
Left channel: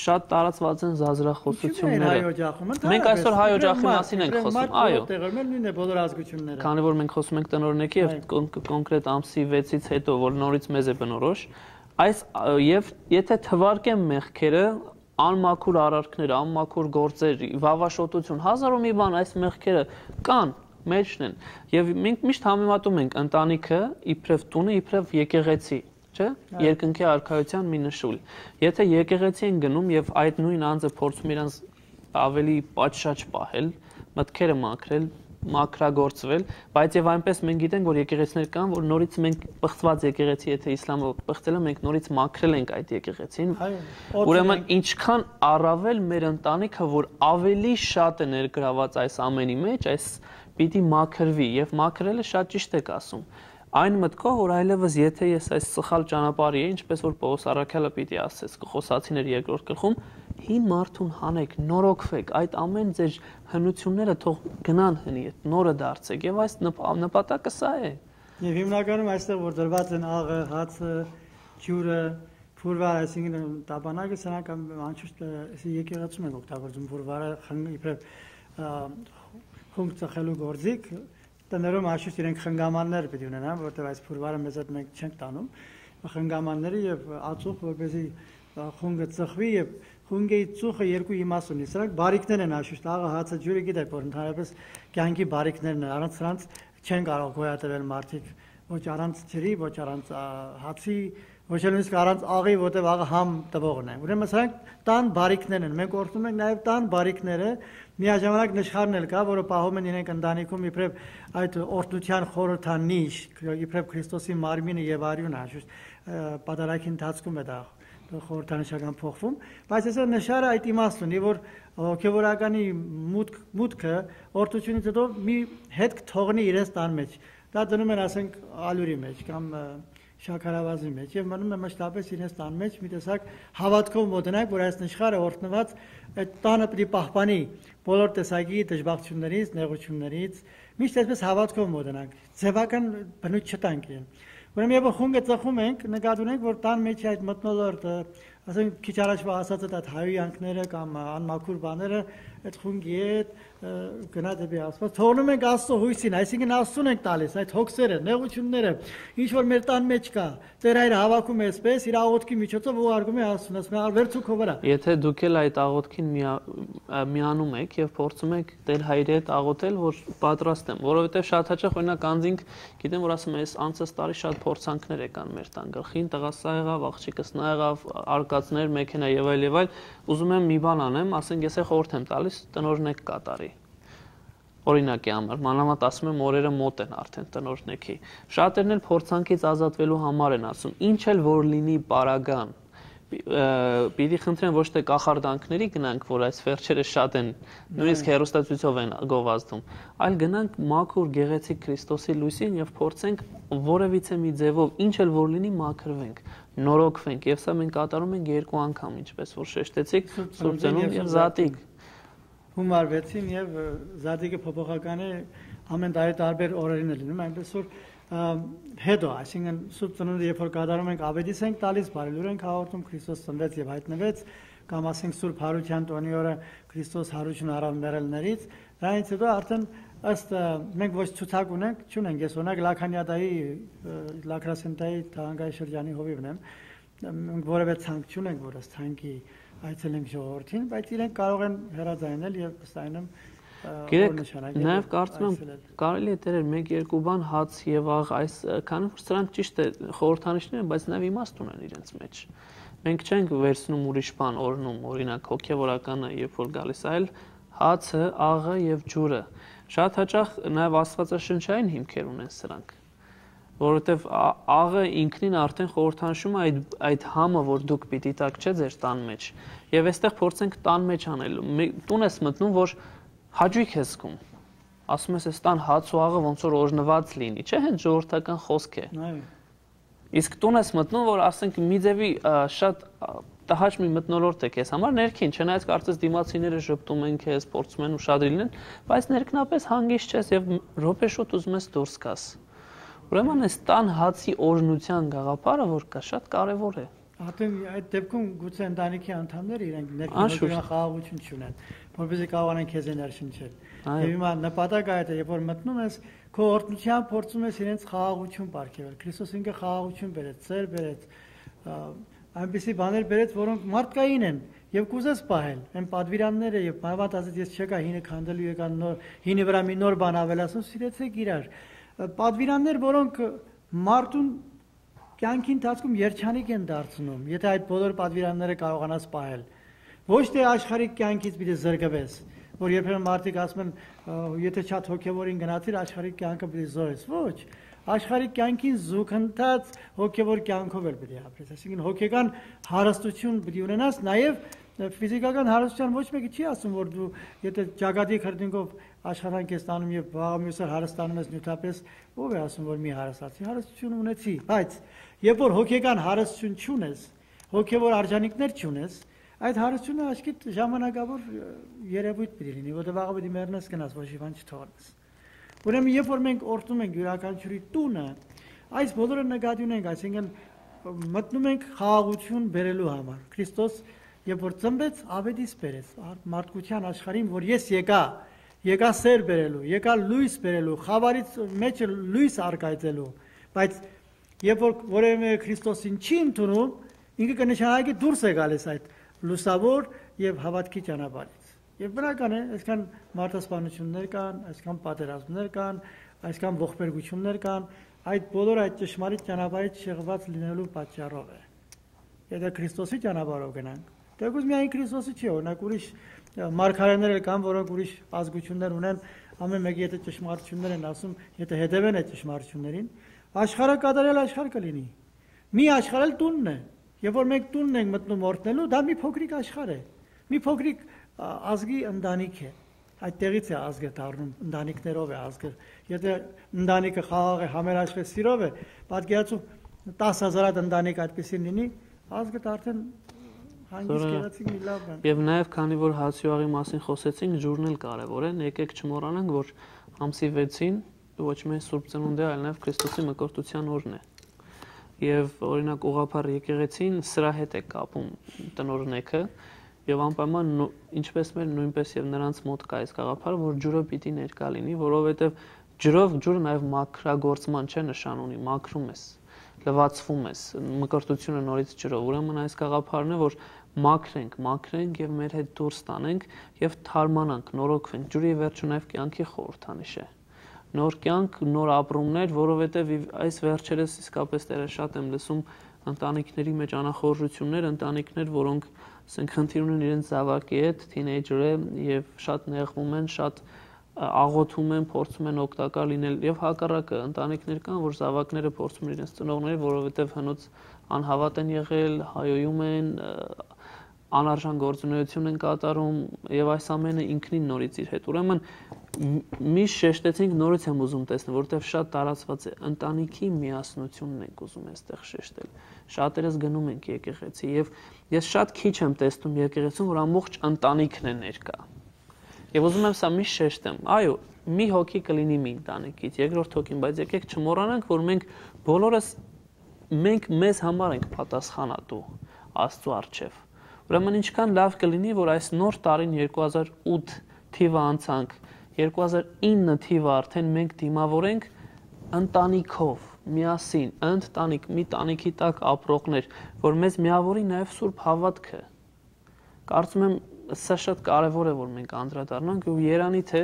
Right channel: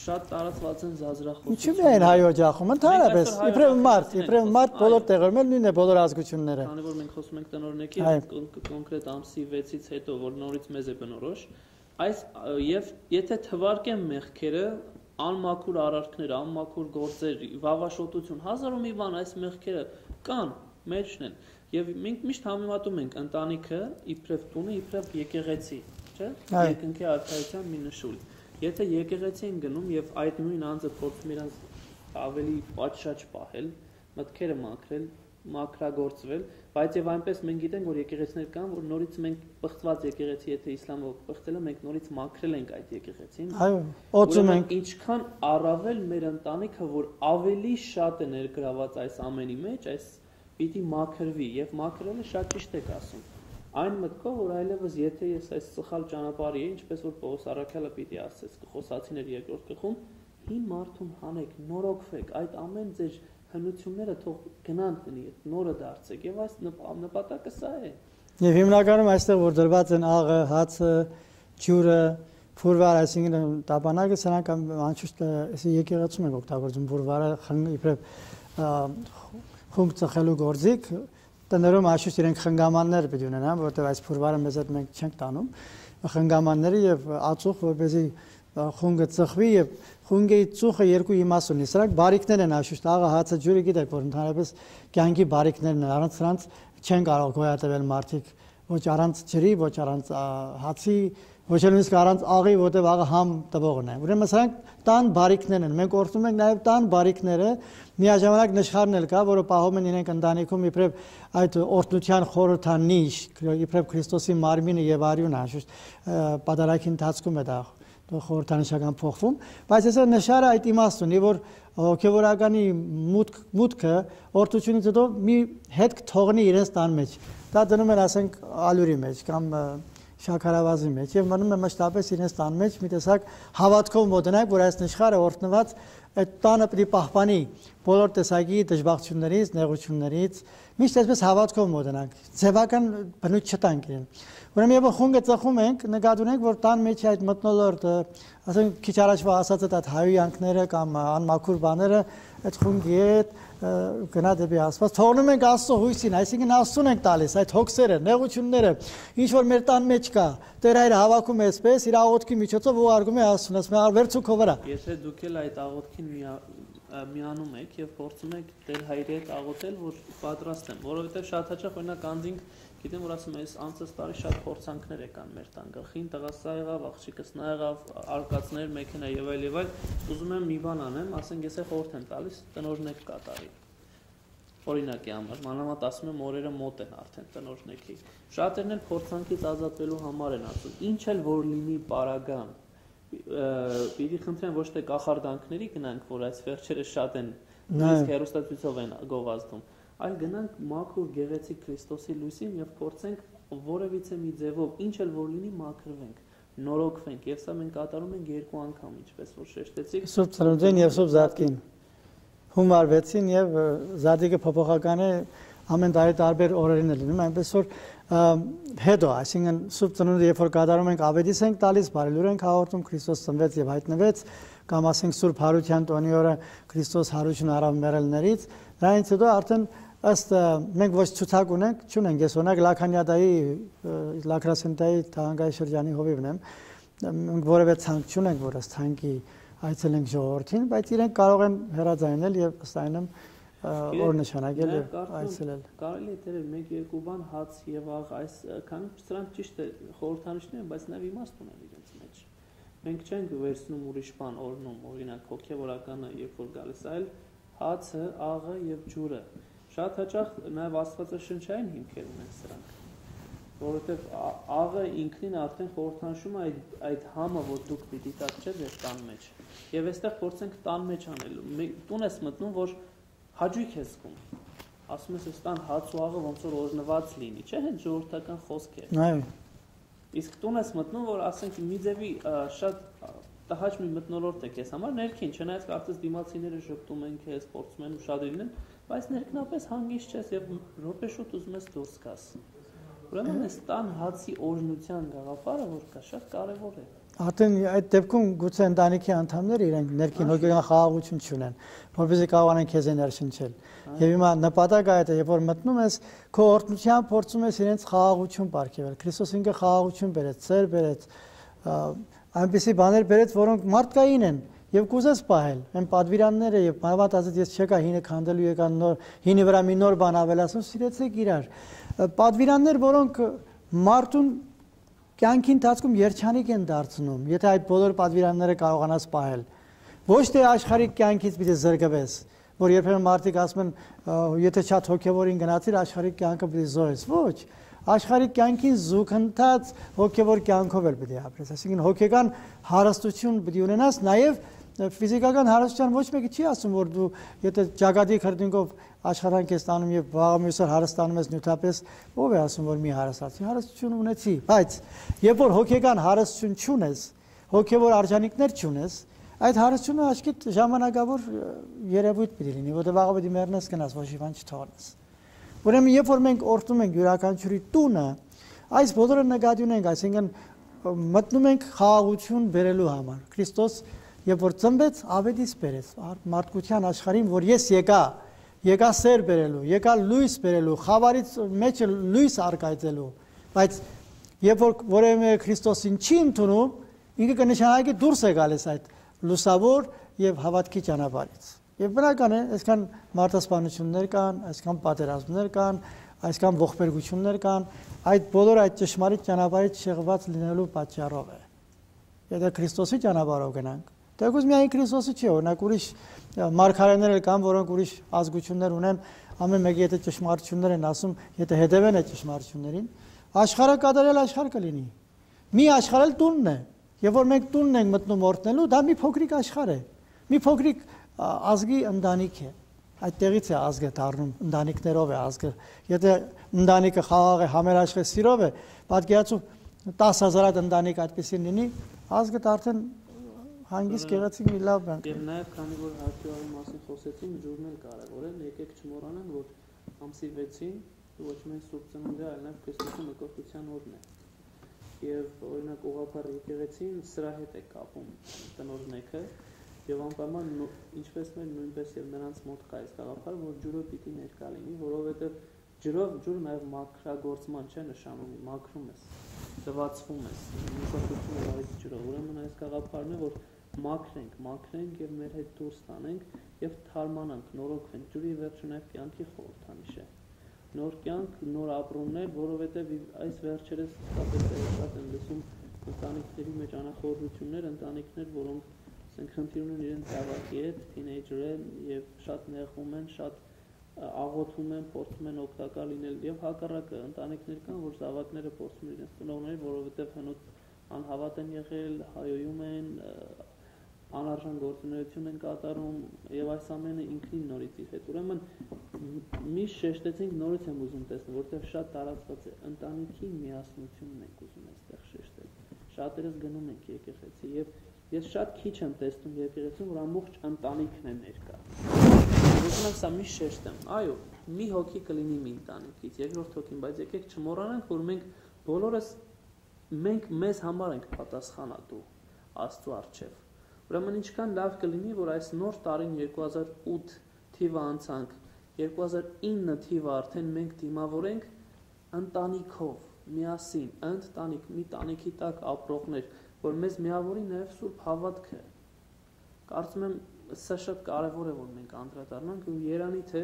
շատ տարածված են զազրախոսությունները։ Ինչու՞ հայ օջախում, ընդհանրապես։ Մենք այսօր հայ օջախի մասին ենք խոսում, այո։ Տեղերում նույնն է բոլոր ազգությունները։ Քանի որ մենք խոսում ենք տնօրինեքի եւ կոնկրետ ամսի 6-ից հետո, որ նորից մեզ է բնորոշ, այս եւ եթե թվարկեն մեղքերը, անմաքուր արարքներ, անմաքուր գործեր, վավաշոտություն, հազար ու մի բան այս մեղքերը կան, մեջն են։ Եվ մենք միշտ համեմատում ենք ընտանիքը իբրև տունը, իբրև եկեղեցի, չէ՞։ Երկնքի արքայության մի նշույլ։ Եթե եկեղեցի են գնում եւ այդ նույն անձը փորձում իրանց ավելի պատշաճ պահել, մտքերը մաքրել, մաքրագործվել, բայց եւ այնպես մենք գիտենք, որ եկեղեցիներ կան, որ նորից մենք պղծված եկեղեցի, եթե իսլամը պղծելը մենք նորից մաքրել ենք այդ եկեղեցին։ Ուրեմն ինչքան առավել մեր ընտանիքը, որ ավելի շատ է ներգրաված այս ամենի մեջ, այս պիտի մաքրվի եւ մաքրելը շատ ճիշտ եք ասում։ Այն մտքով, որ այլևս եթե ես այս սխալ ճանապարհի եմ, ինչպես որ Պողոս առաքյալը պիտի ասեց Կողոսացիներ 2-րդ գլխում, հին մարդուն հանեք, նորոգվեք, այդ ամեն ձեր հնությունները թող գնան հնի, նորը դարձեք եւ այս նպատակը սա է։ Եվ հիմնականում այստեղ որ դրված են աղը, հացը, ջուրը, ֆուրվար, այսինքն տապանակը, սրանք անշուշտ եկեղեցում են օգտագործում ֆուրվարը, իբրև խումբ ծխելու գործիք, տներում անշուշտ իրենք խնգամաններ պետք է ունենան, որտեղ այս ֆուրվարը մեզ հետ մենք չենք տանում, խնգամանները եւ ածուխ, որպեսզի խունգը ծխվի եւ խունգի ծուխը երկու իմաստ ունի։ Սրանք բարիկներ են անշուշտ, աղը, հացը, ջուրը գիտեք, որ ընդհանրապես կյանքի բարիկներն են, առանց սրանց չեն կարող գոյատևել մարդիկ, ոչ առանց ջրի, ոչ առանց հացի, ոչ էլ նույնիսկ առանց աղի, որտեղ աղը համ տվողն է։ Ուրեմն սրանք տան բարիկներն են։ Մենք օրհնում ենք նաեւ տան բարիկները, միաժամանակ նշխարն էլ կա, որը պահում են իրենք ընտանիքում իբրև այդ օրհնության խորհրդանիշ, իբրև Քրիստոսի մարմինը եւ արյունը, անշուշտ պատարագի ընթացքում է դա խորհրդանշական փոխվում, բայց այսօր նշարը այդ իմաստ ունի, որ հոգեվորականի մուտքը օրհնությունից հետո մի հետք թողնի իրենց տան մեջ։ Դա դնում են, ասենք, ալյուրի մեջ կամ շաքարավազի մեջ եւ մնում է մշտապես իրենց տան մեջ մի տեսակ հավատքով մոտնակ, որ այս նշխարը օրհնված այդ տանը պետք է պահպանի բոլոր տեսակի դժբախտություններից, նեղություններից, միշտ այսպես հավատքով մոտնակ, ձևական բնույթ չտանք իրեն։ Ուրեմն երբ խունգը ծխում ենք, նկատի ունենք, որ տան մեջ այդ մթնոլորտ, ասենք քիչ առաջվա ասած այդ հայոյանքները կամ անմաքուր բաները այդ խունգի հետ գնա դեպի Աստված, թողնում ենք Աստծո հույսին, այսինքն Աստծուն ենք տալիս, այդ հոգսերը, նեղությունները, ինչ որ մեր տան մեջ կա, Տեր Հայրը հավաքում է այսպես, իր աղոթքի միջոցով ուղարկում է Աստծուն, ասում է «Վերցու քո վրա»։ Եթե դուք էլ այդ աղոթքին միանում եք եւ փորձում եք Տեր Հայրի հետ աղոթել, որ պատրաստ եմ, որովհետեւ շատ հաճախ օրինակ անձինք գիտեմ, որ ասում են, անցած տարի շատ փորձանքներ եկան մեր տան գլխին, տղասա եղավ, աղջիկս նա եղավ, արկածներ, մեքենա եւ այլ, ուզում եմ մի բան անեմ, ասենք ես խորհուրդ եմ տալիս տնօրինեք կատարի։ Օրինակի համար, մանավանդ ասում եմ օրերը մոտ են արդեն տնօրինեքի։ Շատերն էլ փորձանքից ազատվելու համար են ասում, ինչ էլ որ լինի պարագան, պիտի խնդրեմ ոչ թե կախարդանքների գնանք, որ այս վերջերը շատ են, նույնիսկ հեռուստացույցով են գովազդում, այլ գնանք մաքուր գեղեցիկ Քրիստոսի լույսին եւ փորձենք որևիցե մի ձևով ինչ էլ որ լինի մաքրվենք, նորոգվենք եւ սա մենք կատարում ենք 2 անգամ, ինչպես որ շեշտեցիք, Սուրբ եւ Զատիկ Հունվար 6-ին եւ Զատիկը փոփոխական է ամեն տարի տարբեր օրերին է լինում, այնպես որ հետո, այսինքն Սուրբ Ծնունդը երբ որ կատարում ենք ավետիս ենք տալիս, բարելուր ենք հաղորդում, Քրիստոս ծնվեց եւ հայտնվեց, կամ ասենք Սուրբ Հարության տոնի օրը Քրիստոս հարություն առավ մեռելներից, դրանից հետո արդեն ըստ մենք ոչ ցուցակ ունենք, չունենք, ես օրինակ Լաքանյադայի, Լաքրասենտայի թանգարանի շրջանի հովիվն եմ, որևէ ցանկ չունենք, որ ըստ ցանկի այցելենք ժողովրդին, բայց իրենք կարող են հեռաձայնել եւ ըստ այնմ օրնշանակել։ Նաեւ կարծում եմ կարելի է դերել 1-2 բան հաց եւ աղ, այս քանի որ սրանք ճիշտ է խորհրդանիշներ են, բայց նաեւ իմաստ ունեն իրենց մեջ։ Մենք չենք վերցնում ուրիշ բան օրնում, օրինակ հոգեվորականը երբ որ գալիս, այլ հացը, աղը եւ ջուրը։ Շատ հաճախ նաև աստվածաշնչային հիմքեր ունեն սրանք, որովհետև աղը ինքնին արդեն խորհրդանշում է այդ համը, որ դուք պիտի տակ չէ ձեր տան մեջ։ Եվ այստեղ փորձենք տան մեջ անելու։ Տուն ես մտնում, որ հաճույք ես զգում։ Ասում ես, այս տան հաց ու աղը ոնց որ օրհնված լինի, չէ՞, հենց ժողովրդական խոսք է։ Այո։ Իսկ տուն ես մտնում, որ ասենք մի ձևի շատ տհաճ մի մթնոլորտ է քեզ համար ներքին, չնայած կարծես դիմացիները շփտում են քեզ, փորձում են ուշադրի լինեն, բայց ներքնապես հանգիստ ես եւ րոպե շուտ ուզում ես դուրս գաս։ Ուրեմն այս տան հացի օրհնության գաղափարը, որ կա, շատ կարեւոր է։ Արդեն այդ դեպքում գուցե ընտանիքի անդամները իրենք ներքին հոգեական խաղաղություն չունեն, որովհետեւ կարողանան քեզ ներշնչել։ Եվ հիմա նպատակը այդ է, երբ որ մտնում ես, քո օրհնությամբ փորձում ես իրենց խաղաղություն ապարգևել։ Քրիստոս ինքը խաղաղություն բերեց, ծեր բերեց, այնպիսի բաներ բերեց, որոնք մարդկային են եւ կուզես պահել։ Այն պատվիրանները եւ բավարար ազատ ես չեկա հինը քանդելու եկան նոր հինի վրա մի նոր բան ավելացնում, սիրեցեք իրար։ Պատվիրաններ, որոնք մարդուն կյանքի ընթացքում երջանիկ են դարձնում, եթե այդ բոլոր պատվիրանները կարողանաս պահել։ Ոչ թե աշխարհիկ կյանքից պիտի զրկվես, որ երբեմն մարդիկ ասում են, եթե շատ հոգևորին գնացիր, աշխարհիկ կյանքը պիտի զոհես։ Ոչ, աշխարհիկ կյանքին զուգընթաց հոգևոր կյանքով էլ պիտի ապրես։ Այսինքն հոգեկան հարստություն պիտի ունենաս, նաև ֆիզիկական հարստության ոչ մեկը չի ասում, որ դու եթե ճակատի քրտինքով աշխարհանք ես տանում եւ վաղամյուսար հարստանում ես նյութապես, ով է ասում, որ մի հարստացի, հարստություն ունեցի, բայց երբ որ հոգեկան հարստություն չունես, հոգևոր արժանինքներ չունես, այդ հարստությունը աշկետ ժամանակավոր երևույթ պիտի լինի, որտեղ վաղը պիտի մեռնես գնաս, ոչ մի բան չթողնես։ Ուրեմն երբ որ մենք օրհնում ենք յուրաքանչյուրի տունը, այս բոլորը նկատի ունենք, այսինքն մտնում ենք խաղաղություն բերելու համար։ Քրիստոս երբ որ ծնվեց, ավետիս բերեց մարդկության աշխարհին, որ ես եկա սեր բերելու, եկա լույս բերելու, խավարից մեջ լույս արկայծելու, բայց երբ որ որևէ Քրիստոսին չի ընդունում, ինքը կնշանակի դուրս է գալիս այդ լուսավոր եւ հավատքի ճանապարհից։ Եվ բնական է, այսքան մարդասպանություններ կան, այսքան պատերազմներ կան, այսքան ողբերգություններ կան, այդ բոլորը այդ ճշմարիտ ճանապարհից շեղված լինելու պատճառով է։ Եթե Քրիստոսի ճանապարհով գնանք, դեռ միայն Քրիստոսի չի, օրինակ ուրիշ մարգարեներ կան, որոնք ուրիշ ազգություններ ունեն, ամեն մեկը եթե ճշմարտություններ են ասում, եթե հետևեն այդ ճշմարտություններին, աշխարհը կատարել աշխարհ կլինի։ Մի աշխարհել տունն է, եւ որ մենք տունն ենք մտնում օրհնելու, դա մի փոքրիկ աշխարհ է։ Մի փոքրիկ ազգի ընտանիք է։ Այդտեղից է ազգը դառնում, ընտանիքներով է ազգը։ Եթե ընտանիքը խաղաղ է, համերաշխ է, սիրով է, պատկերացու 10,000 ընտանիք այդպեսին լինի, ազգը արդեն հանգիստ գեղեցիկ մի լավ բան։ Եվ նաև քանի որ հացի ու աղի մասին խոսեցինք, ջուրն էլ կարևոր է, եկեք չմոռանանք, որ ամսի 6-ին ոչ միայն Սուրբ Ծնունդ է, այլ նաև Քրիստոսի մկրտության օրն է։ Եվ օրինակ ուղղափառ եկեղեցին սրա հետ է կապում տնօրնեքը եւ անպայման ինչպես մեր նույնպես եւ նրանց մոտ կա այս գաղափարը, որ ջուրը պիտի ներկա լինի, որովհետեւ ջուրը նաեւ մաքրագործման չէ նշան ունի, մաքրում ես, լվացվում ես, մկրտությունը նորից ջրով։ Ուրեմն այս գաղափարն է, որ մաքրենք եւ մեր հետ դուրս տանենք եւ թարմանանք, նորոգվենք։ Ջուրի վերջը նաեւ կյանքի խորհրդանիշ է։ Նոր կյանք, նոր ապրումներ, որովհետև այս վերջերս իսկապես դերը շատ եմ լսում ընտանիքների մեջ անախորժություններ, ընտանիքներ, որոնք ասենք խնդիր ունեն իրենց զավակի հետ, թինեյջերը եւ շատ նեղվում են, շատ աղոթում են, փորձում են օգտակար լինել եւ հակառակը ընտանիքներ կան, որ զավակները փորձում են իրենց ծնողները, որովհետև հնուց անհավատ են եղել, հայոյում են, անարժան գործունեություն են կատարում եւ այս ամենը ինքնին նորից իր հետ։ Ուրեմն միշտ շեշտեցինք, նորից եմ ուզում տեսնել, որովհետեւ շատ տարածված է ընտանիքի միասնությունն ենք ուզում այստեղ շեշտել։ Շատերս գնում ենք եկեղեցի եւ ես շատ քիչ եմ տեսնում եկեղեցում, որ ամբողջ ընտանիքն է ներկա։ Եվ ուզում եմ սա միշտ շեշտեմ։ Այո, մի հոգի կլինի մի ընտանիքից, երկրորդ հոգին, բայց եկեք չմոռանանք, որ մենք բոլորս մեզ համար ենք պատասխանատու Աստծո առջև։ Ուրեմն ինչքան լավ կլինի, որ այս նոր տարին 2008 թիվը անցանք, 2009 թիվը արդեն մենք դիմավորենք ընտանիքով, միասին, մի տանիքի տակ ապրողներ, որ մեզ միավորի նաև Սուրբ հավատքը։ Կարծում եմ սա շատ կարևոր է, որ մենք անդրադառնանք ու երանի թե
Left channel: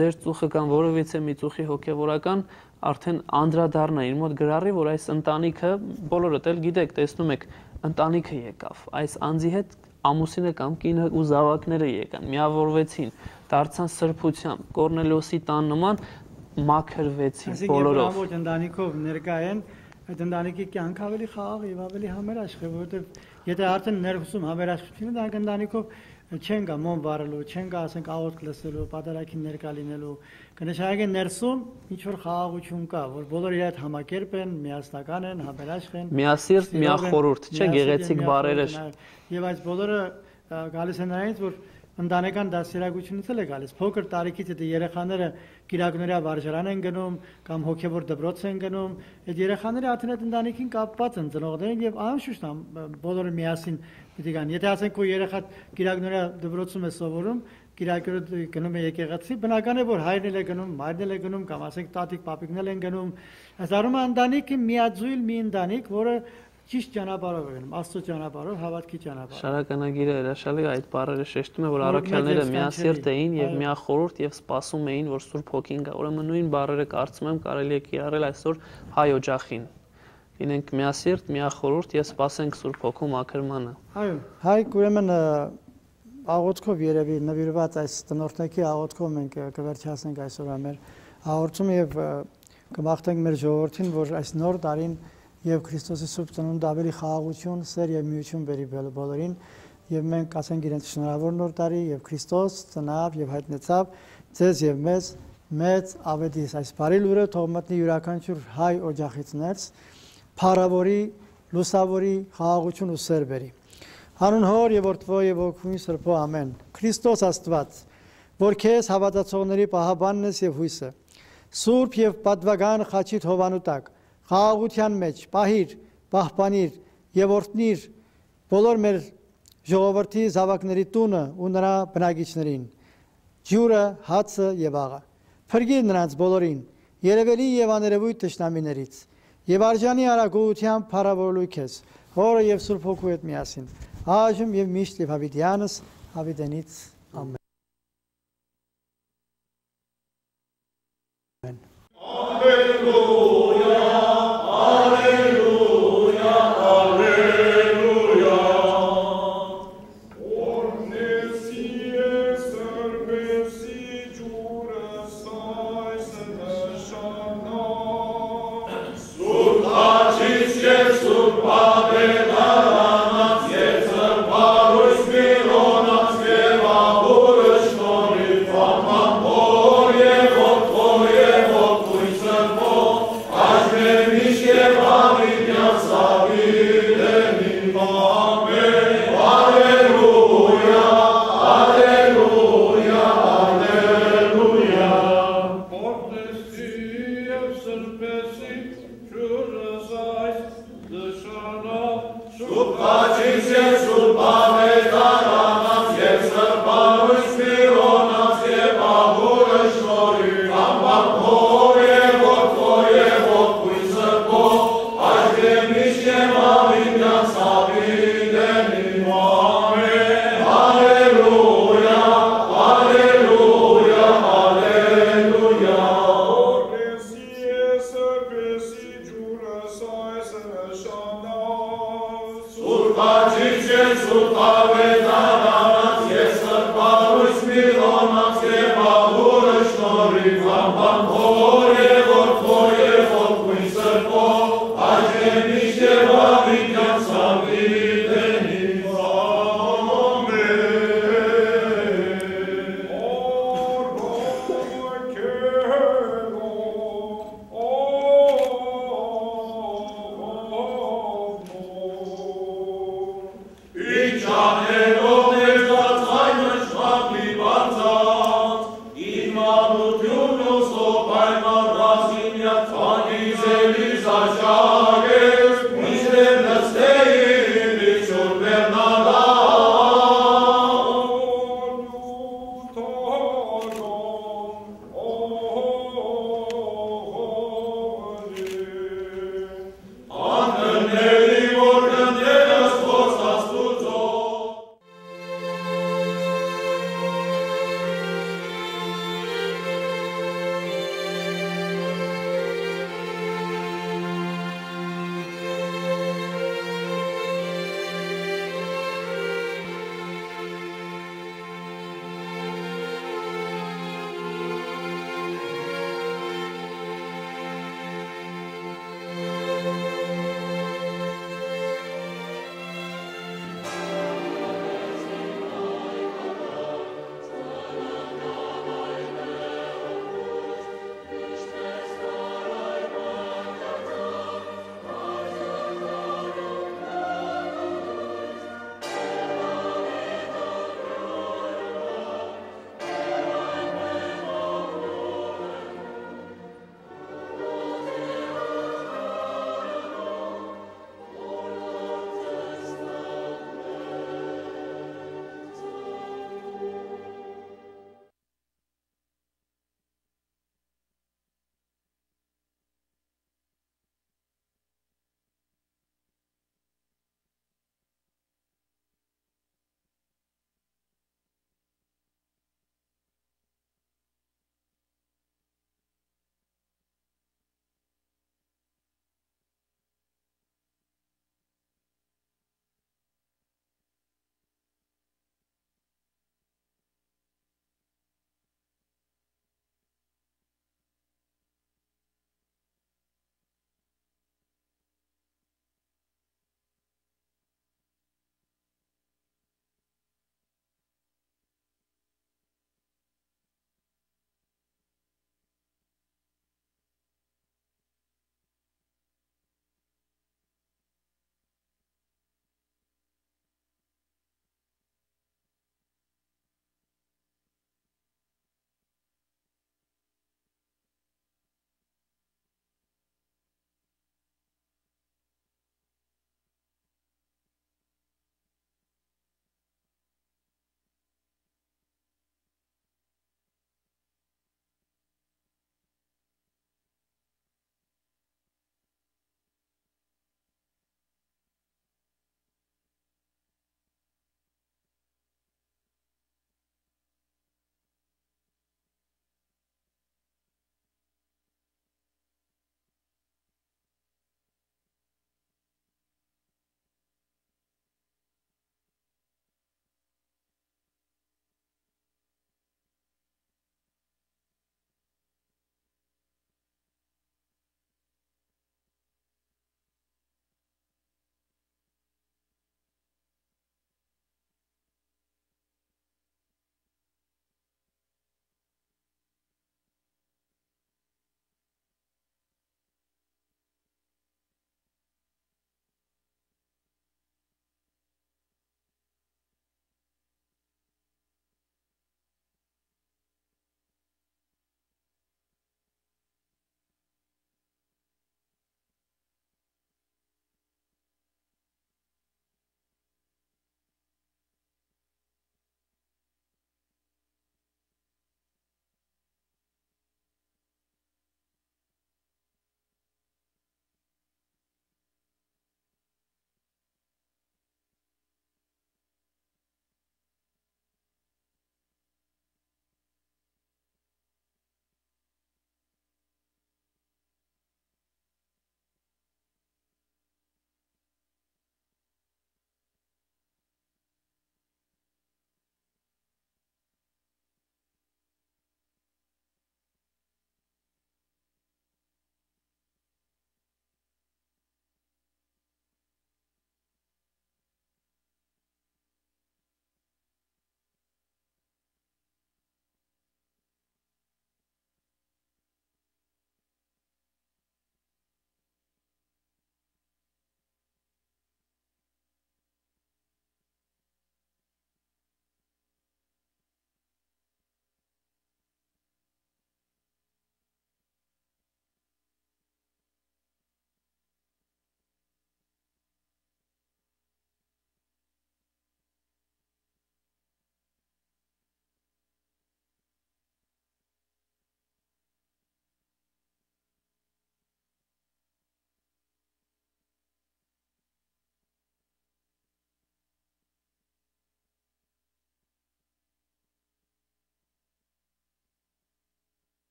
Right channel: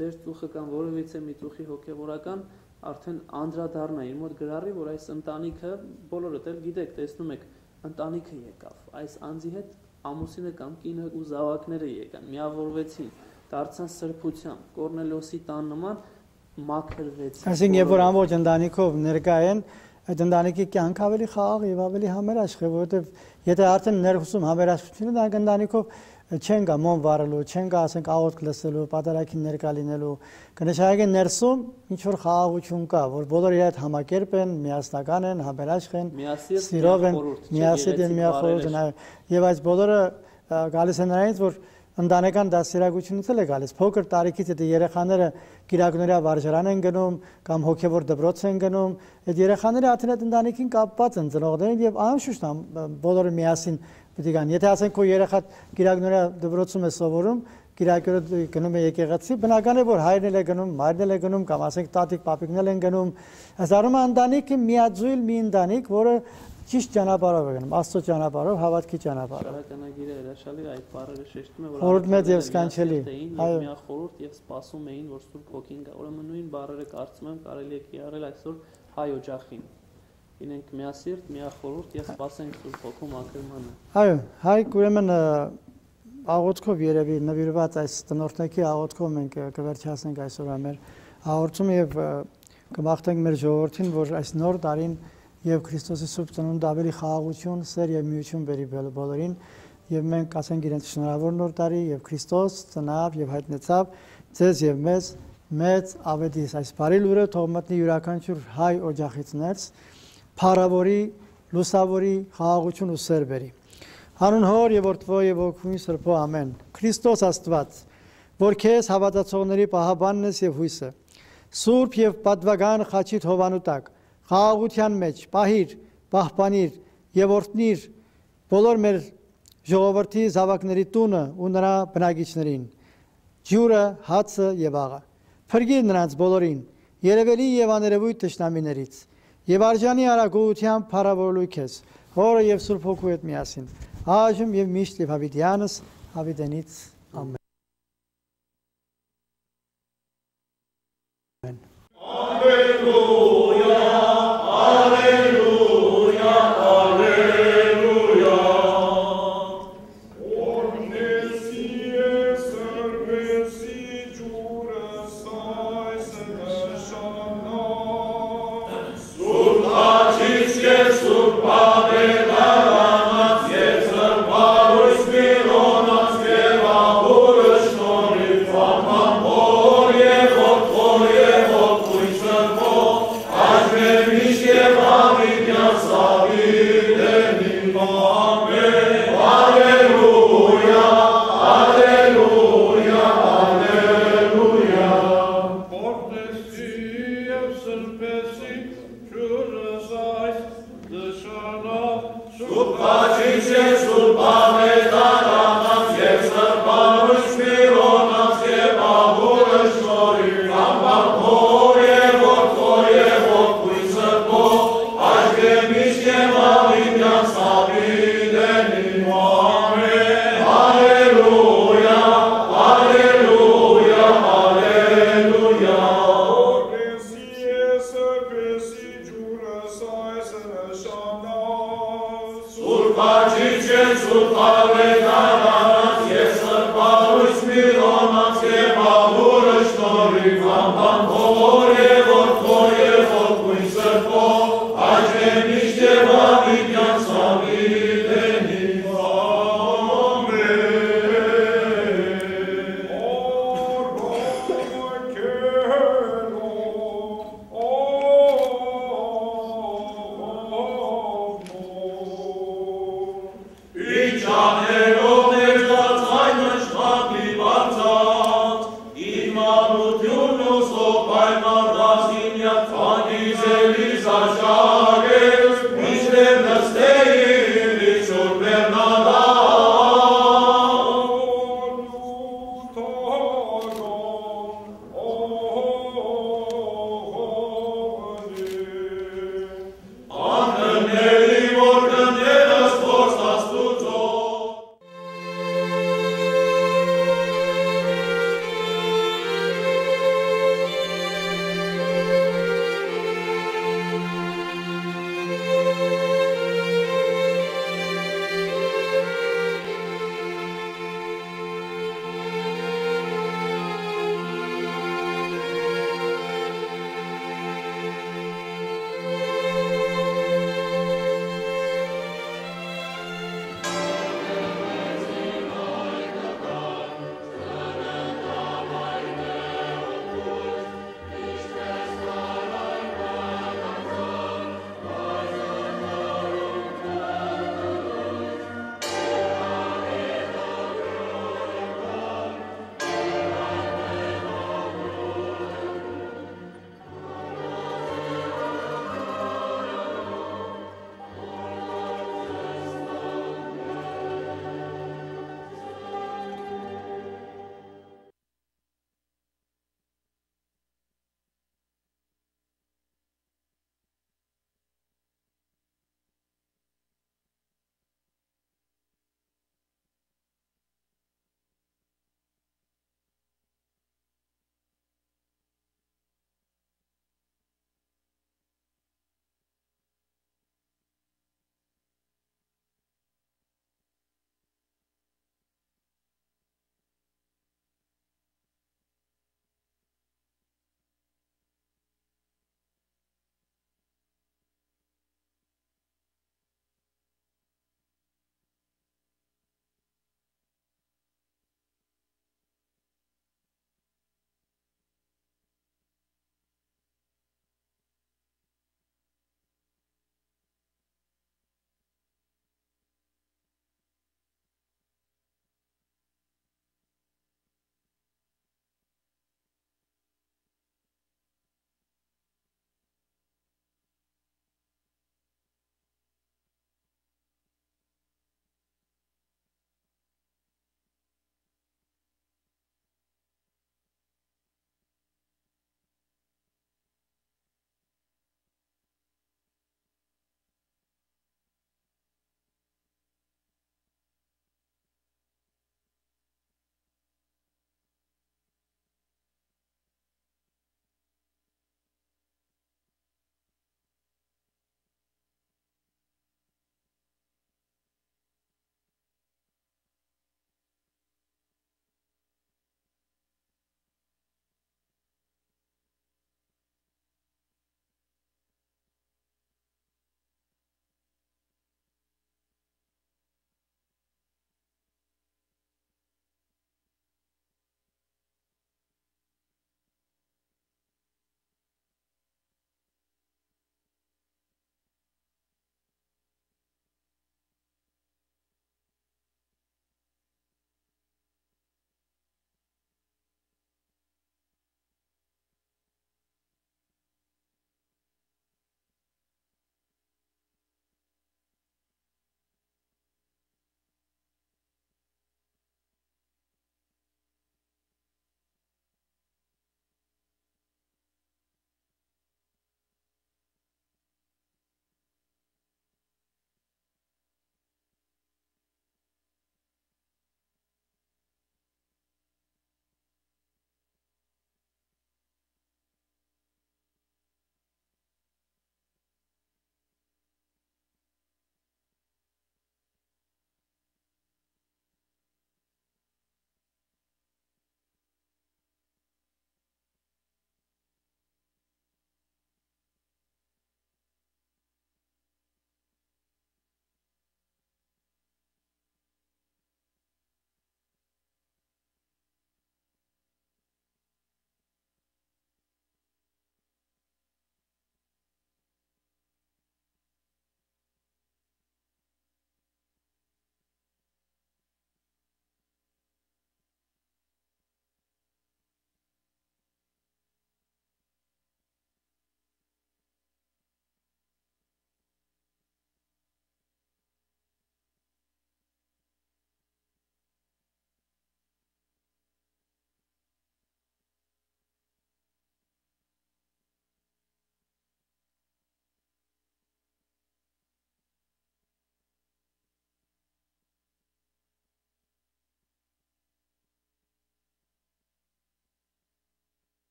ձեր ծուխը կամ որևիցե մի ծուխի հոգևորական արդեն անդրադառնա իր մոտ գրառի, որ այս ընտանիքը բոլորդ էլ գիտեք, տեսնում եք, ընտանիքը եկավ, այս անձի հետ ամուսինը կամ կինը ու զավակները եկան, միավորվեցին, դարձան սրբությամբ, Կորնելիոսի տան նման մաքրվեցին։ Այսինքն երբ որ ամբողջ ընտանիքով ներկա են, այդ ընտանիքի կյանքը ավելի խաղաղ եւ ավելի համերաշխ է, որովհետեւ եթե արդեն ներսում համերաշխություն է, դա ընտանիքով չեն գա մոմ վարելու, չեն գա ասենք աղոթք լսելու, պատարագին ներկա լինելու, կնշանակի ներսում ինչ որ խաղաղություն կա, որ բոլորը իր հետ համակերպ են, միասնական են, համերաշխ են, միասիրտ, միախորհուրդ, չէ՞ գեղեցիկ բառերը։ Եվ այս բոլորը գալիս են նրանից, որ ընտանեկան դասերակցությունից էլ է գալիս։ Փոքր տարիքից այդ երեխաները գիրակնորյա վարժարան են գնում կամ հոգևոր դպրոց են գնում, այդ երեխաները արդեն այդ ընտանիքին կապված են ծնողներին եւ անշուշտ բոլորը միասին պիտի գան։ Եթե ասենք քո երեխա գիրակնորյա դպրոցում է սովորում, գիրակորը գնում է եկեղեցի, բնական է որ հայրն էլ է գնում, մայրն էլ է գնում կամ ասենք տատիկ, պապիկն էլ են գնում։ Այս առումը ընտանիքը միաձույլ մի ընտանիք, որը ճիշտ ճանապարհով է գնում, Աստծո ճանապարհով, հավատքի ճանապարհով։ Շարականագիրը հրաշալի այդ բառերը շեշտում է, որ առաքյալները միասիրտ էին եւ միախորհուրդ եւ սպասում էին, որ Սուրբ Հոգին գա։ Ուրեմն նույն բառերը կարծում եմ կարելի է կիրառել այսօր հայ օջախին։ Լինենք միասիրտ, միախորհուրդ եւ սպասենք Սուրբ Հոգու մաքրմանը։ Այո, հայ ուրեմն աղոթքով երևի նվիրված այս տնօրտների աղոթքով մենք կվերջացնենք այսօր մեր հաղորդումը եւ կմաղթենք մեր ժողովրդին, որ այս նոր տարին եւ Քրիստոսի սուրբ ծնունդը ավելի խաղաղություն, սեր եւ միություն բերի բոլորին եւ մենք ասենք իրենց շնորհավոր նոր տարի եւ Քրիստոս ծնավ եւ հայտնեցավ ձեզ եւ մեզ մեծ ավետիս այս բարի լուրը թող մտնի յուրաքանչյուր հայ օջախից ներս փառավորի, լուսավորի, խաղաղություն ու սեր բերի։ Հանուն Հոր եւ Որդվո եւ Ոգու Սրբո ամեն։ Քրիստոս Աստված, որ քեզ հավատացողների պահաբանն ես եւ հույսը, սուրբ եւ պատվական խաչիդ հովանու տակ խաղաղության մեջ պահիր, պահպանիր եւ օրհնիր բոլոր մեր ժողովրդի զավակների տունը ու նրա բնակիչներին, ջուրը, հացը եւ աղը։ Փրկիր նրանց բոլորին, երևելի եւ աներևույթ թշնամիներից, եւ արժանի արագությամբ փառավորելու քեզ, Հորը եւ Սուրբ Հոգու հետ միասին, այժմ եւ միշտ եւ հավիտյանս հավիտենից ամեն։ Amen.